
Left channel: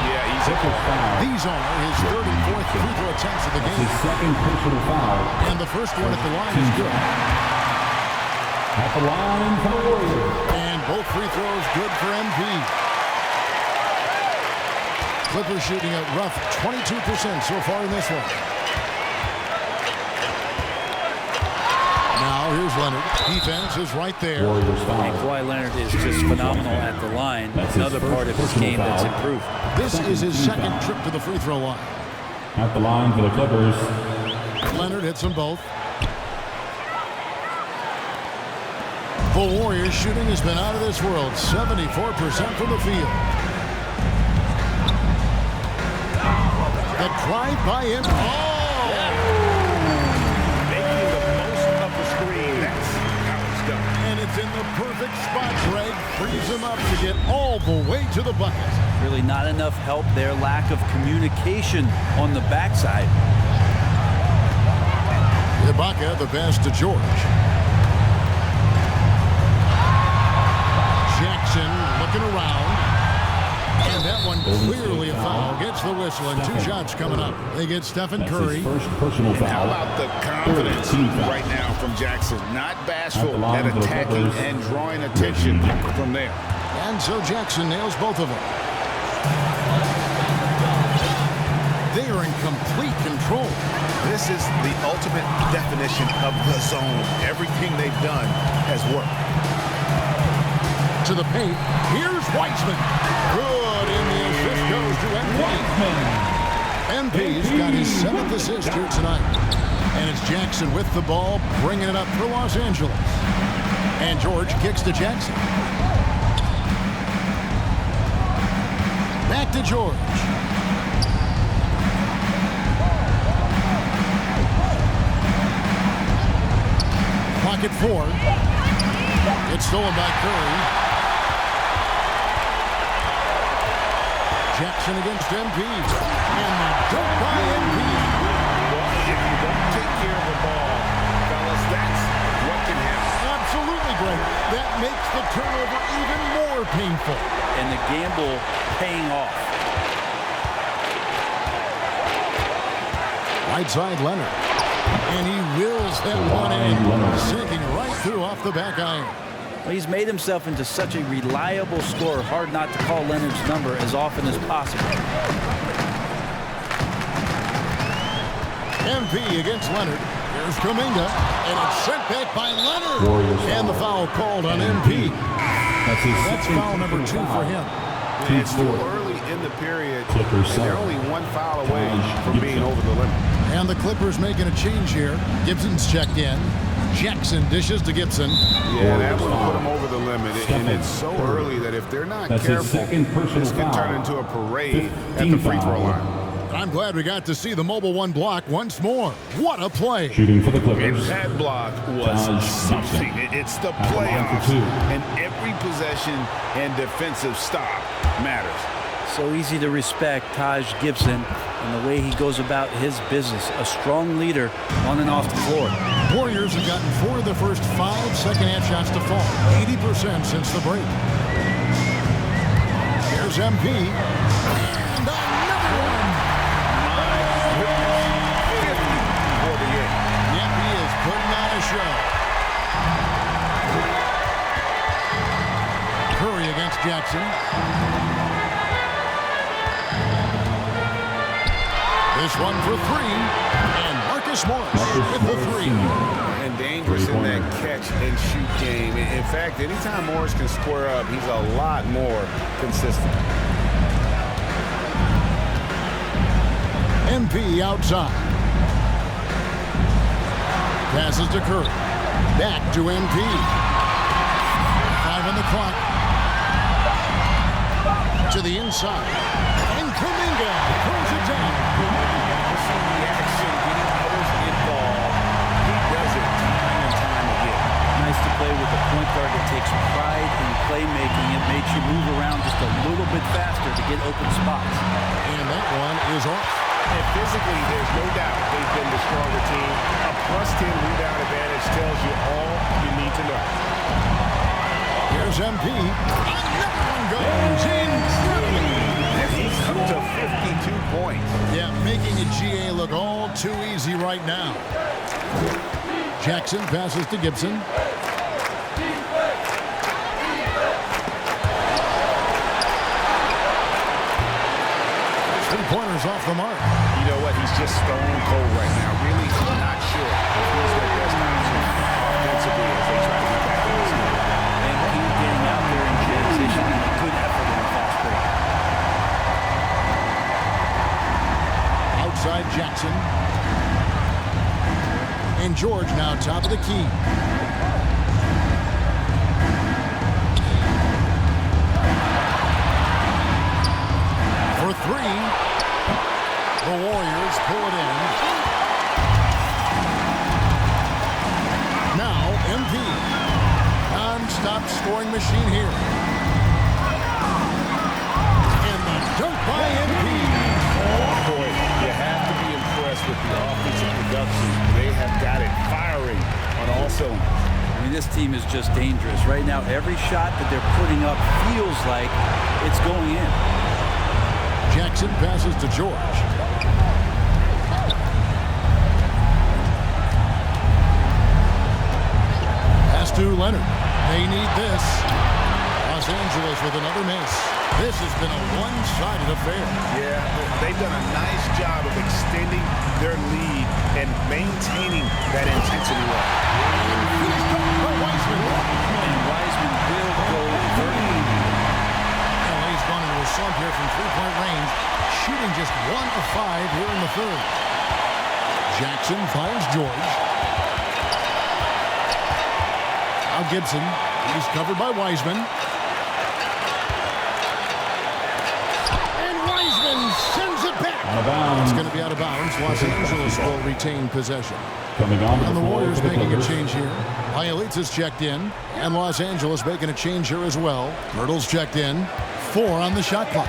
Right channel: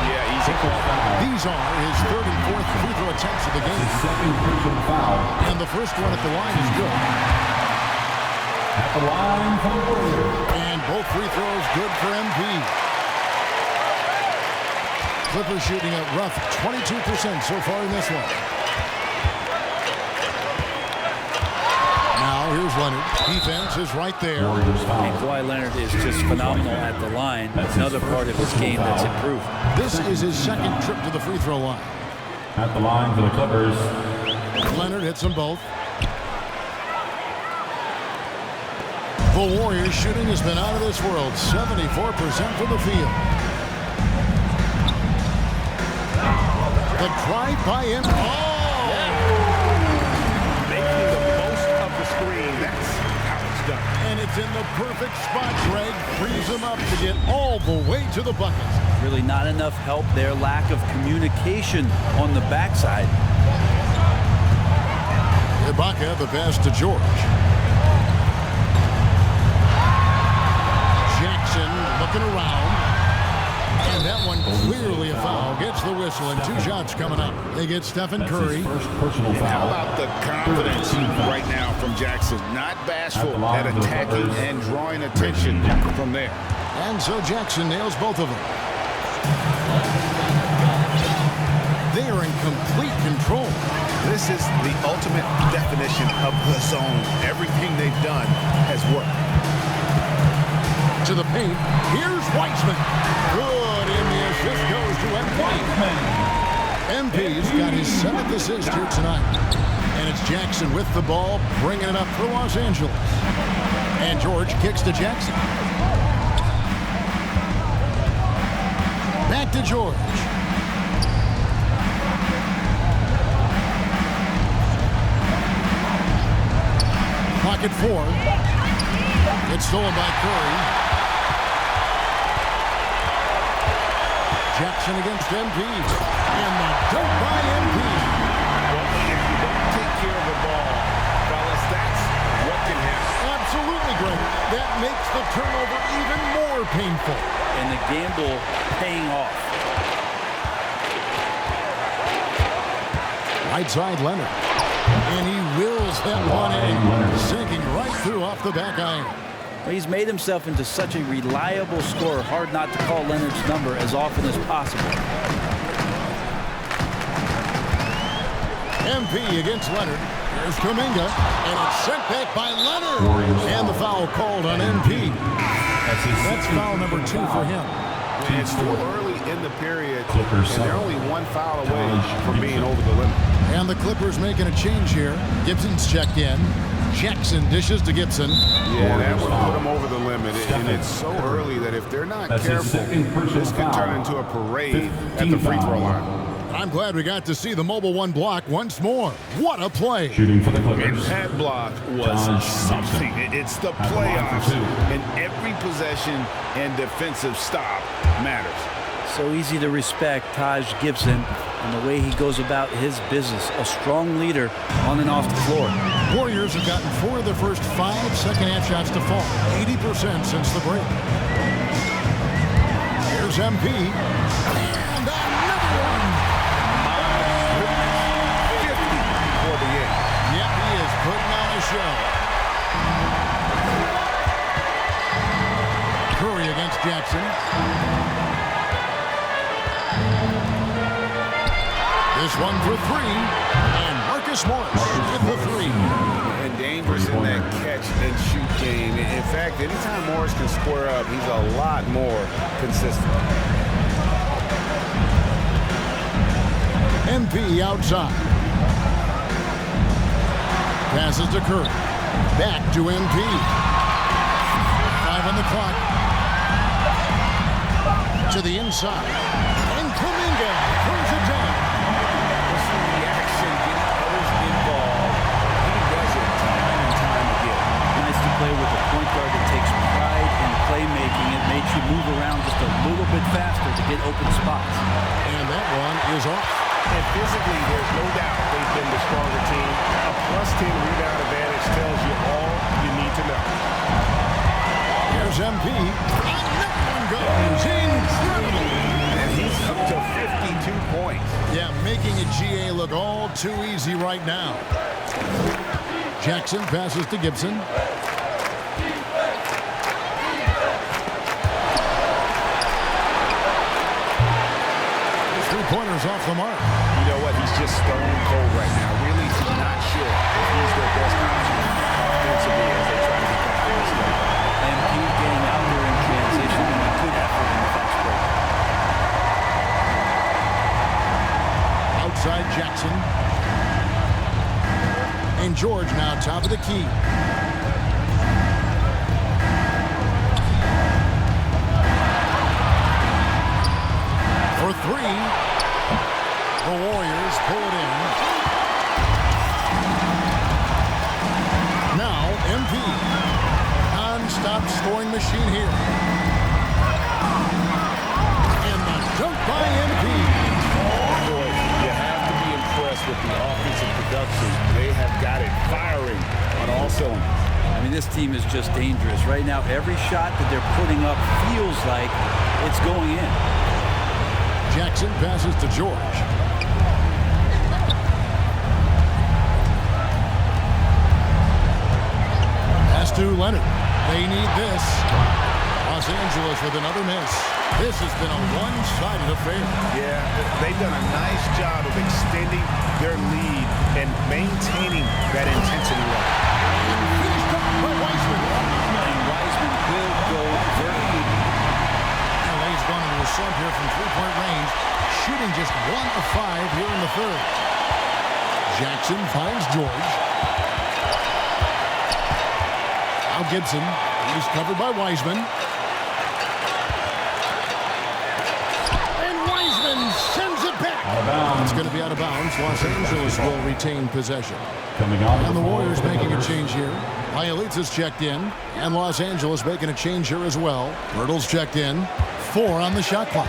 Yeah, easy call. These are his 3rd and 4th free throw attempts of the game. His second personal foul. And the first one at the line is good. At the line for the Warriors. And both free throws good for MP. Clippers shooting a rough 22% so far in this one. Now here's Leonard. Defense is right there. And Kawhi Leonard is just phenomenal at the line. Another part of his game that's improved. This is his 2nd trip to the free throw line. At the line for the Clippers. Leonard hits them both. The Warriors shooting has been out of this world. 74% from the field. The drive by him. Oh! Yeah. Making the most of the screen. That's how it's done. And it's in the perfect spot, Greg. Frees him up to get all the way to the bucket. Really not enough help there. Lack of communication on the backside. Ibaka, the pass to George. Jackson looking around. And that one clearly a foul. Gets the whistle, and 2 shots coming up. They get Stephen Curry. And how about the confidence right now from Jackson? Not bashful at attacking and drawing attention from there. And so Jackson nails both of them. They are in complete control. This is the ultimate definition of the zone. Everything they've done has worked. To the paint. Here's Wiseman. Good, and the assist goes to MP. MP's got his 7th assist here tonight. And it's Jackson with the ball, bringing it up for Los Angeles. And George kicks to Jackson. Back to George. Pocket 4. It's stolen by Curry. Jackson against MP. And the dunk by MP. Well, if you don't take care of the ball, fellas, that's what can happen. Absolutely, Greg. That makes the turnover even more painful. And the gamble paying off. Right side, Leonard. And he wills that one in, sinking right through off the back iron. Well, he's made himself into such a reliable scorer. Hard not to call Leonard's number as often as possible. MP against Leonard. Here's Kuminga, and it's sent back by Leonard. And the foul called on MP. That's foul number 2 for him. And it's still early in the period, and they're only 1 foul away from being over the limit. And the Clippers making a change here. Gibson's checked in. Jackson dishes to Gibson. Yeah, that one put them over the limit, and it's so early that if they're not careful, this could turn into a parade at the free throw line. And I'm glad we got to see the mobile 1 block once more. What a play. Shooting for the Clippers. And that block was something. It's the playoffs, and every possession and defensive stop matters. So easy to respect Taj Gibson and the way he goes about his business. A strong leader on and off the floor. Warriors have gotten 4 of their first 5 second-half shots to fall. 80% since the break. Here's MP. And another one. My goodness. 50 for the 8. Yep, he is putting on a show. Curry against Jackson. This one for 3. And Marcus Morris with the 3. And dangerous in that catch and shoot game. In fact, anytime Morris can square up, he's a lot more consistent. MP outside. Passes to Curry. Back to MP. 5 on the clock. To the inside. And Kuminga throws it down. Pushing the action, getting others involved. He does it time and time again. Nice to play with a point guard that takes pride in playmaking. It makes you move around just a little bit faster to get open spots. And that one is off. And physically, there's no doubt they've been the stronger team. A +10 rebound advantage tells you all you need to know. Here's MP. Another one goes. Incredible. And he's up to 52 points. Yeah, making a GA look all too easy right now. Jackson passes to Gibson. His 3-pointer's off the mark. You know what? He's just stone cold right now. Really not sure if he's their best option offensively as they try to get back in this game. MP getting out there in transition and a good effort in the fast break. Outside Jackson. And George now top of the key. For 3. The Warriors pull it in. Now MP. Non-stop scoring machine here. And the dunk by MP. Boy, you have to be impressed with the offensive production. They have got it firing on all cylinders. I mean, this team is just dangerous. Right now, every shot that they're putting up feels like it's going in. Jackson passes to George. Pass to Leonard. They need this. Los Angeles with another miss. This has been a one-sided affair. Yeah, they've done a nice job of extending their lead and maintaining that intensity level. And finished off by Wiseman. And Wiseman will go vertical. LA's gone into a slump here from three-point range, shooting just 1 of 5 here in the third. Jackson finds George. Now Gibson. He's covered by Wiseman. And Wiseman sends it back. It's going to be out of bounds. Los Angeles will retain possession. And the Warriors making a change here. Bielitsa's checked in. And Los Angeles making a change here as well. Pirtle's checked in. 4 on the shot clock.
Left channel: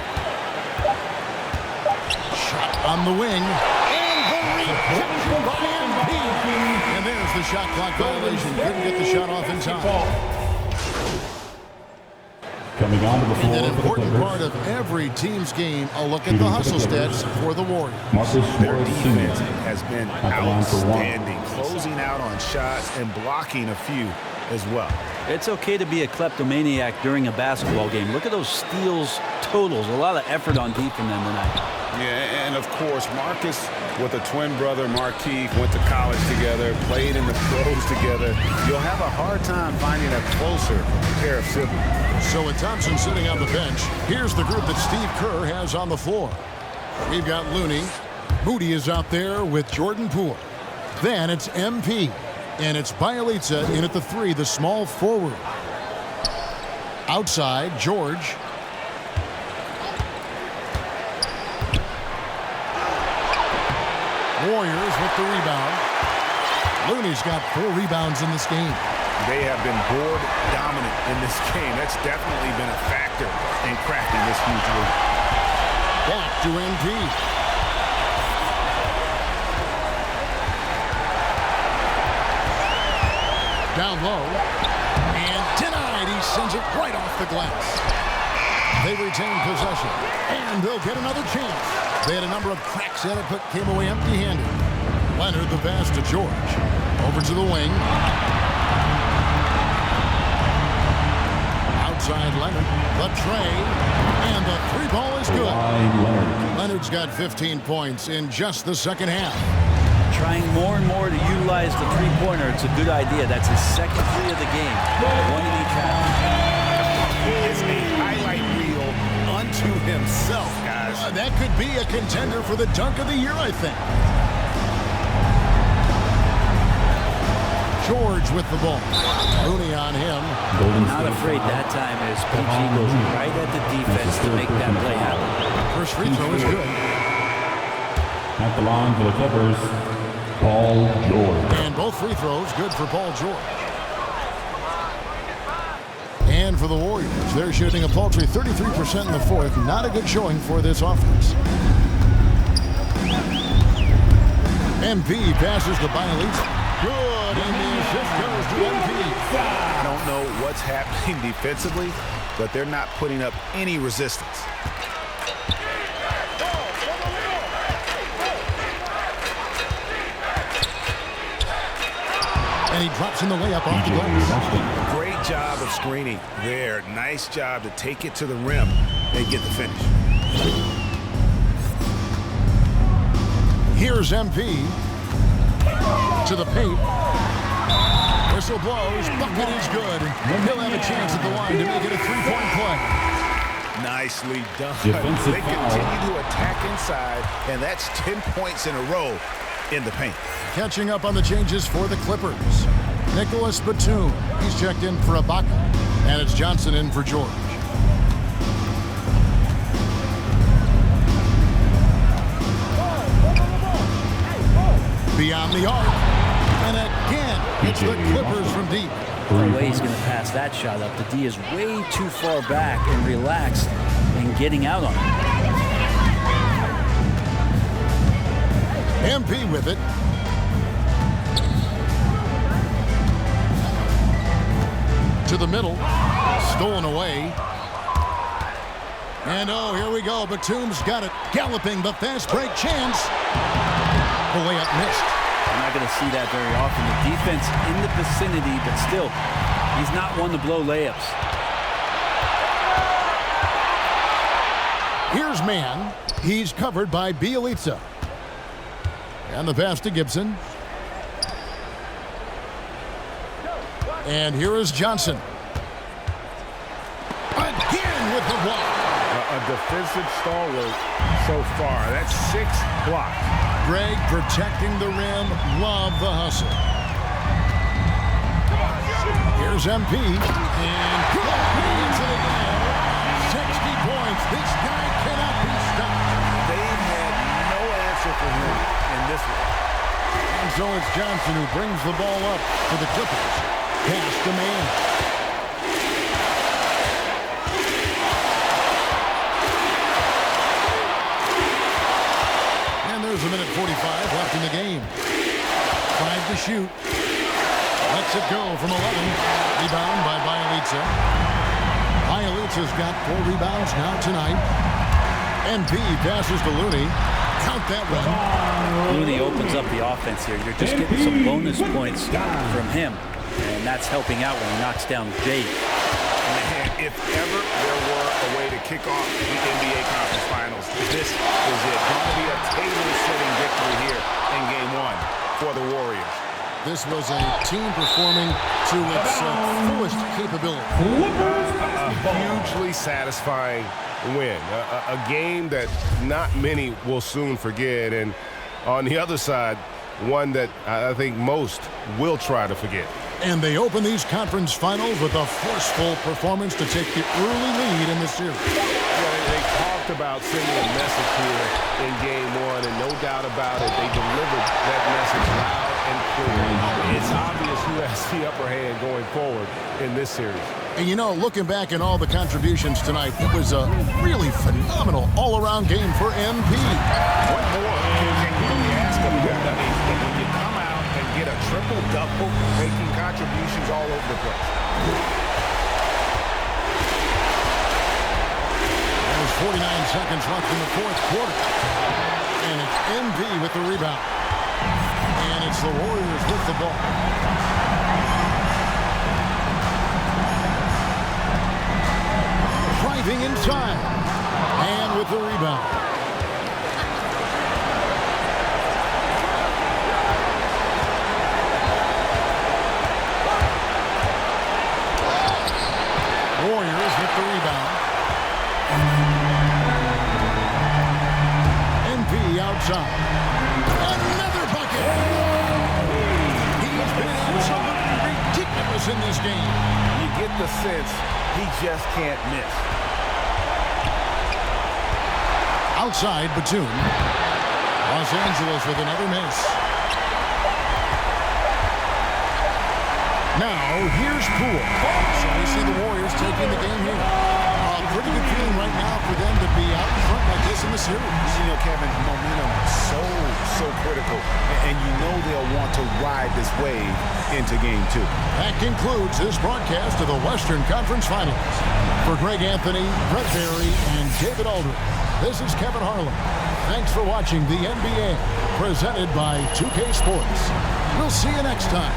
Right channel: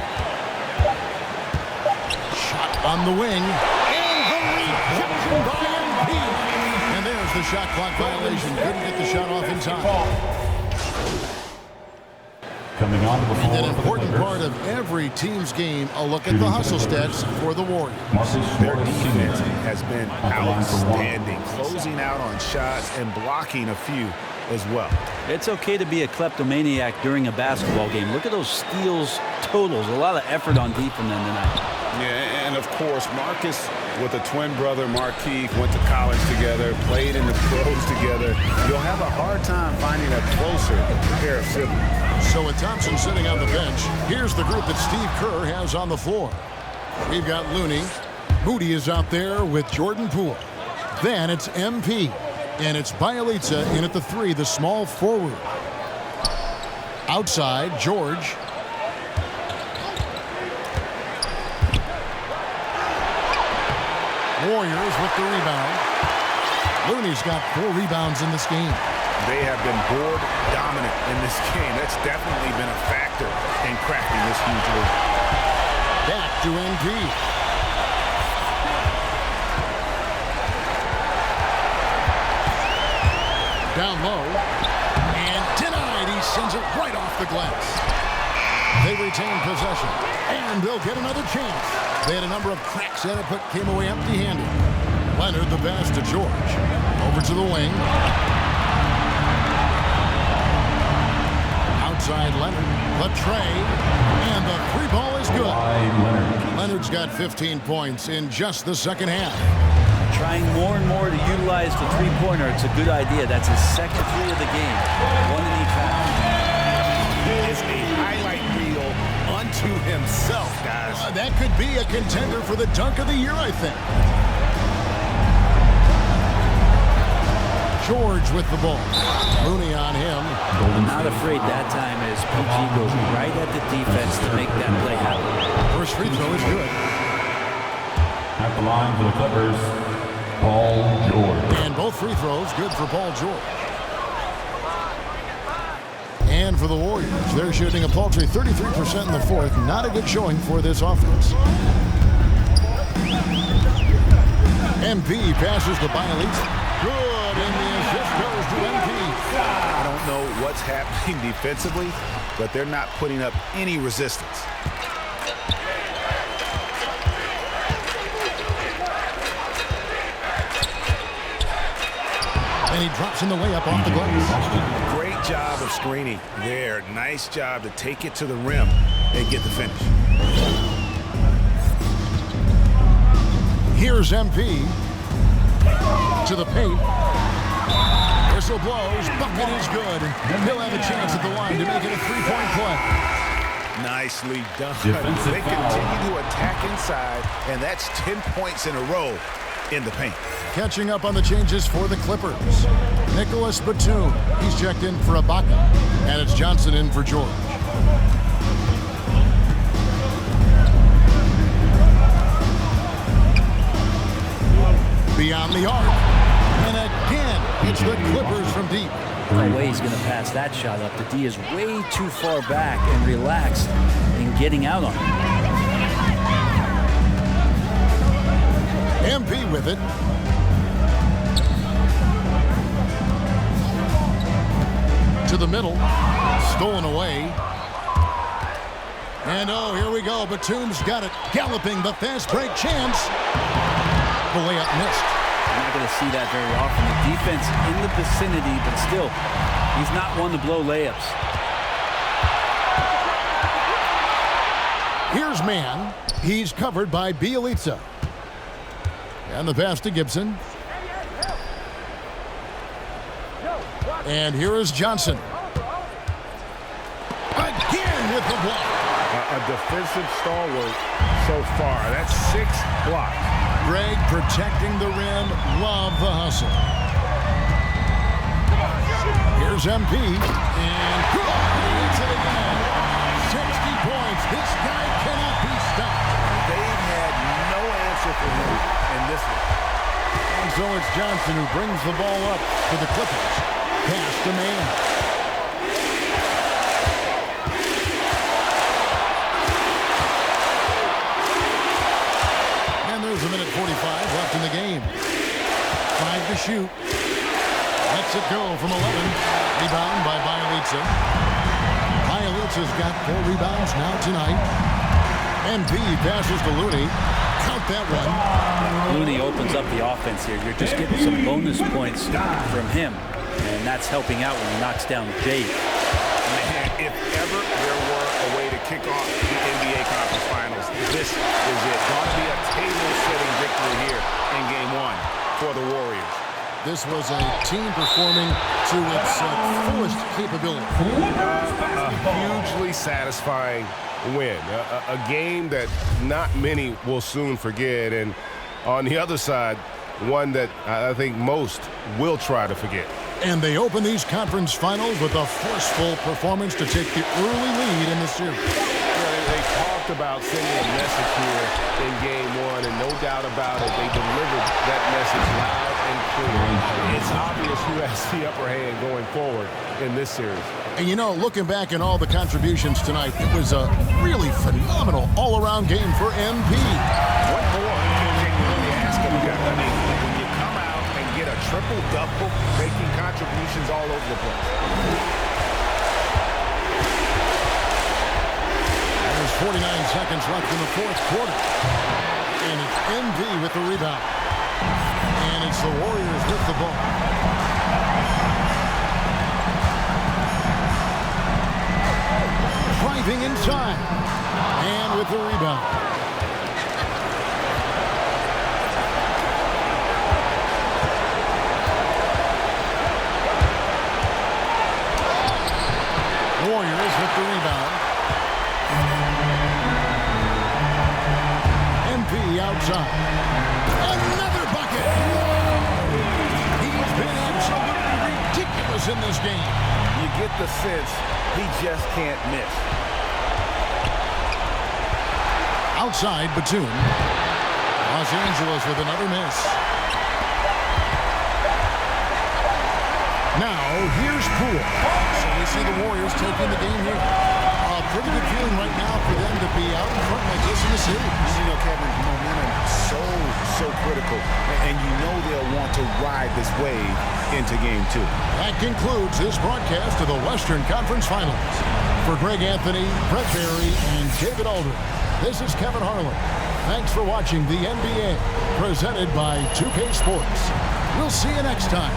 Shot on the wing. And the rejection by MP. And there's the shot clock violation. Couldn't get the shot off in time. And an important part of every team's game, a look at the hustle stats for the Warriors. Their defense has been outstanding, closing out on shots and blocking a few as well. It's okay to be a kleptomaniac during a basketball game. Look at those steals totals. A lot of effort on defense tonight. Yeah, and of course, Marcus with a twin brother, Marquise, went to college together, played in the pros together. You'll have a hard time finding a closer pair of siblings. So with Thompson sitting on the bench, here's the group that Steve Kerr has on the floor. We've got Looney. Moody is out there with Jordan Poole. Then it's MP. And it's Bielitsa in at the 3, the small forward. Outside, George. Warriors with the rebound. Looney's got 4 rebounds in this game. They have been board dominant in this game. That's definitely been a factor in crafting this huge lead. Back to MP. Down low. And denied. He sends it right off the glass. They retain possession. And they'll get another chance. They had a number of cracks at it, but came away empty-handed. Leonard the pass to George. Over to the wing. Outside Leonard. The tray. And the 3 ball is good. Leonard's got 15 points in just the second half. Trying more and more to utilize the three-pointer. It's a good idea. That's his second 3 of the game. 1 in each half. He is a highlight reel unto himself, guys. That could be a contender for the dunk of the year, I think. George with the ball. Looney on him. Not afraid that time as PG goes right at the defense to make that play happen. First free throw is good. At the line for the Clippers, Paul George. And both free throws good for Paul George. And for the Warriors, they're shooting a paltry 33% in the fourth. Not a good showing for this offense. MP passes to Bielitsa. Good, and the assist goes to MP. I don't know what's happening defensively, but they're not putting up any resistance. And he drops in the layup off the glass. Great job of screening there. Nice job to take it to the rim and get the finish. Here's MP to the paint. Whistle blows. Bucket is good. And he'll have a chance at the line to make it a 3-point play. Nicely done. Defensive They continue to attack inside, and that's 10 points in a row in the paint. Catching up on the changes for the Clippers. Nicholas Batum. He's checked in for Ibaka. And it's Johnson in for George. Beyond the arc. And again, it's the Clippers from deep. No way he's going to pass that shot up. The D is way too far back and relaxed in getting out on him. MP with it. To the middle. Stolen away. And oh, here we go. Batum's got it. Galloping the fast break chance. The layup missed. You're not going to see that very often. The defense in the vicinity, but still, he's not one to blow layups. Here's man. He's covered by Bielitsa. And the pass to Gibson. And here is Johnson. Again with the block. A defensive stalwart so far. That's 6 blocks. Greg protecting the rim. Love the hustle. Here's MP. And good. He hits it again. 60 points. This guy cannot be stopped. They've had no answer for him in this one. And so it's Johnson who brings the ball up for the Clippers. Pass to man. And there's a minute 45 left in the game. 5 to shoot. Lets it go from 11. Rebound by Bielitsa. Bielitsa's got 4 rebounds now tonight. MP passes to Looney. Count that one. Yeah, Looney opens up the offense here. You're just getting some bonus points from him. And that's helping out when he knocks down Jade. Man, if ever there were a way to kick off the NBA Conference Finals, this is it. Going to be a table-setting victory here in Game 1 for the Warriors. This was a team performing to its fullest capability. A hugely satisfying win. A game that not many will soon forget. And on the other side, one that I think most will try to forget. And they open these conference finals with a forceful performance to take the early lead in the series. Yeah, they talked about sending a message here in Game 1, and no doubt about it, they delivered that message loud and clear. It's obvious who has the upper hand going forward in this series. And you know, looking back at all the contributions tonight, it was a really phenomenal all-around game for MP. What more can you really ask of a guy? I mean, when you come out and get a triple-double, making contributions all over the place. There's 49 seconds left in the fourth quarter. And it's MP with the rebound. And it's the Warriors with the ball. Driving inside. And with the rebound. Warriors with the rebound. MP outside. Another bucket. Wow. He's been absolutely ridiculous in this game. You get the sense he just can't miss. Outside, Batum. Los Angeles with another miss. Now, here's Poole. So we see the Warriors taking the game here. A pretty good feeling right now for them to be out in front like this in the series. You know, Kevin, momentum so critical. And you know they'll want to ride this wave into Game 2. That concludes this broadcast of the Western Conference Finals. For Greg Anthony, Brett Barry, and David Aldridge, this is Kevin Harlan. Thanks for watching the NBA, presented by 2K Sports. We'll see you next time.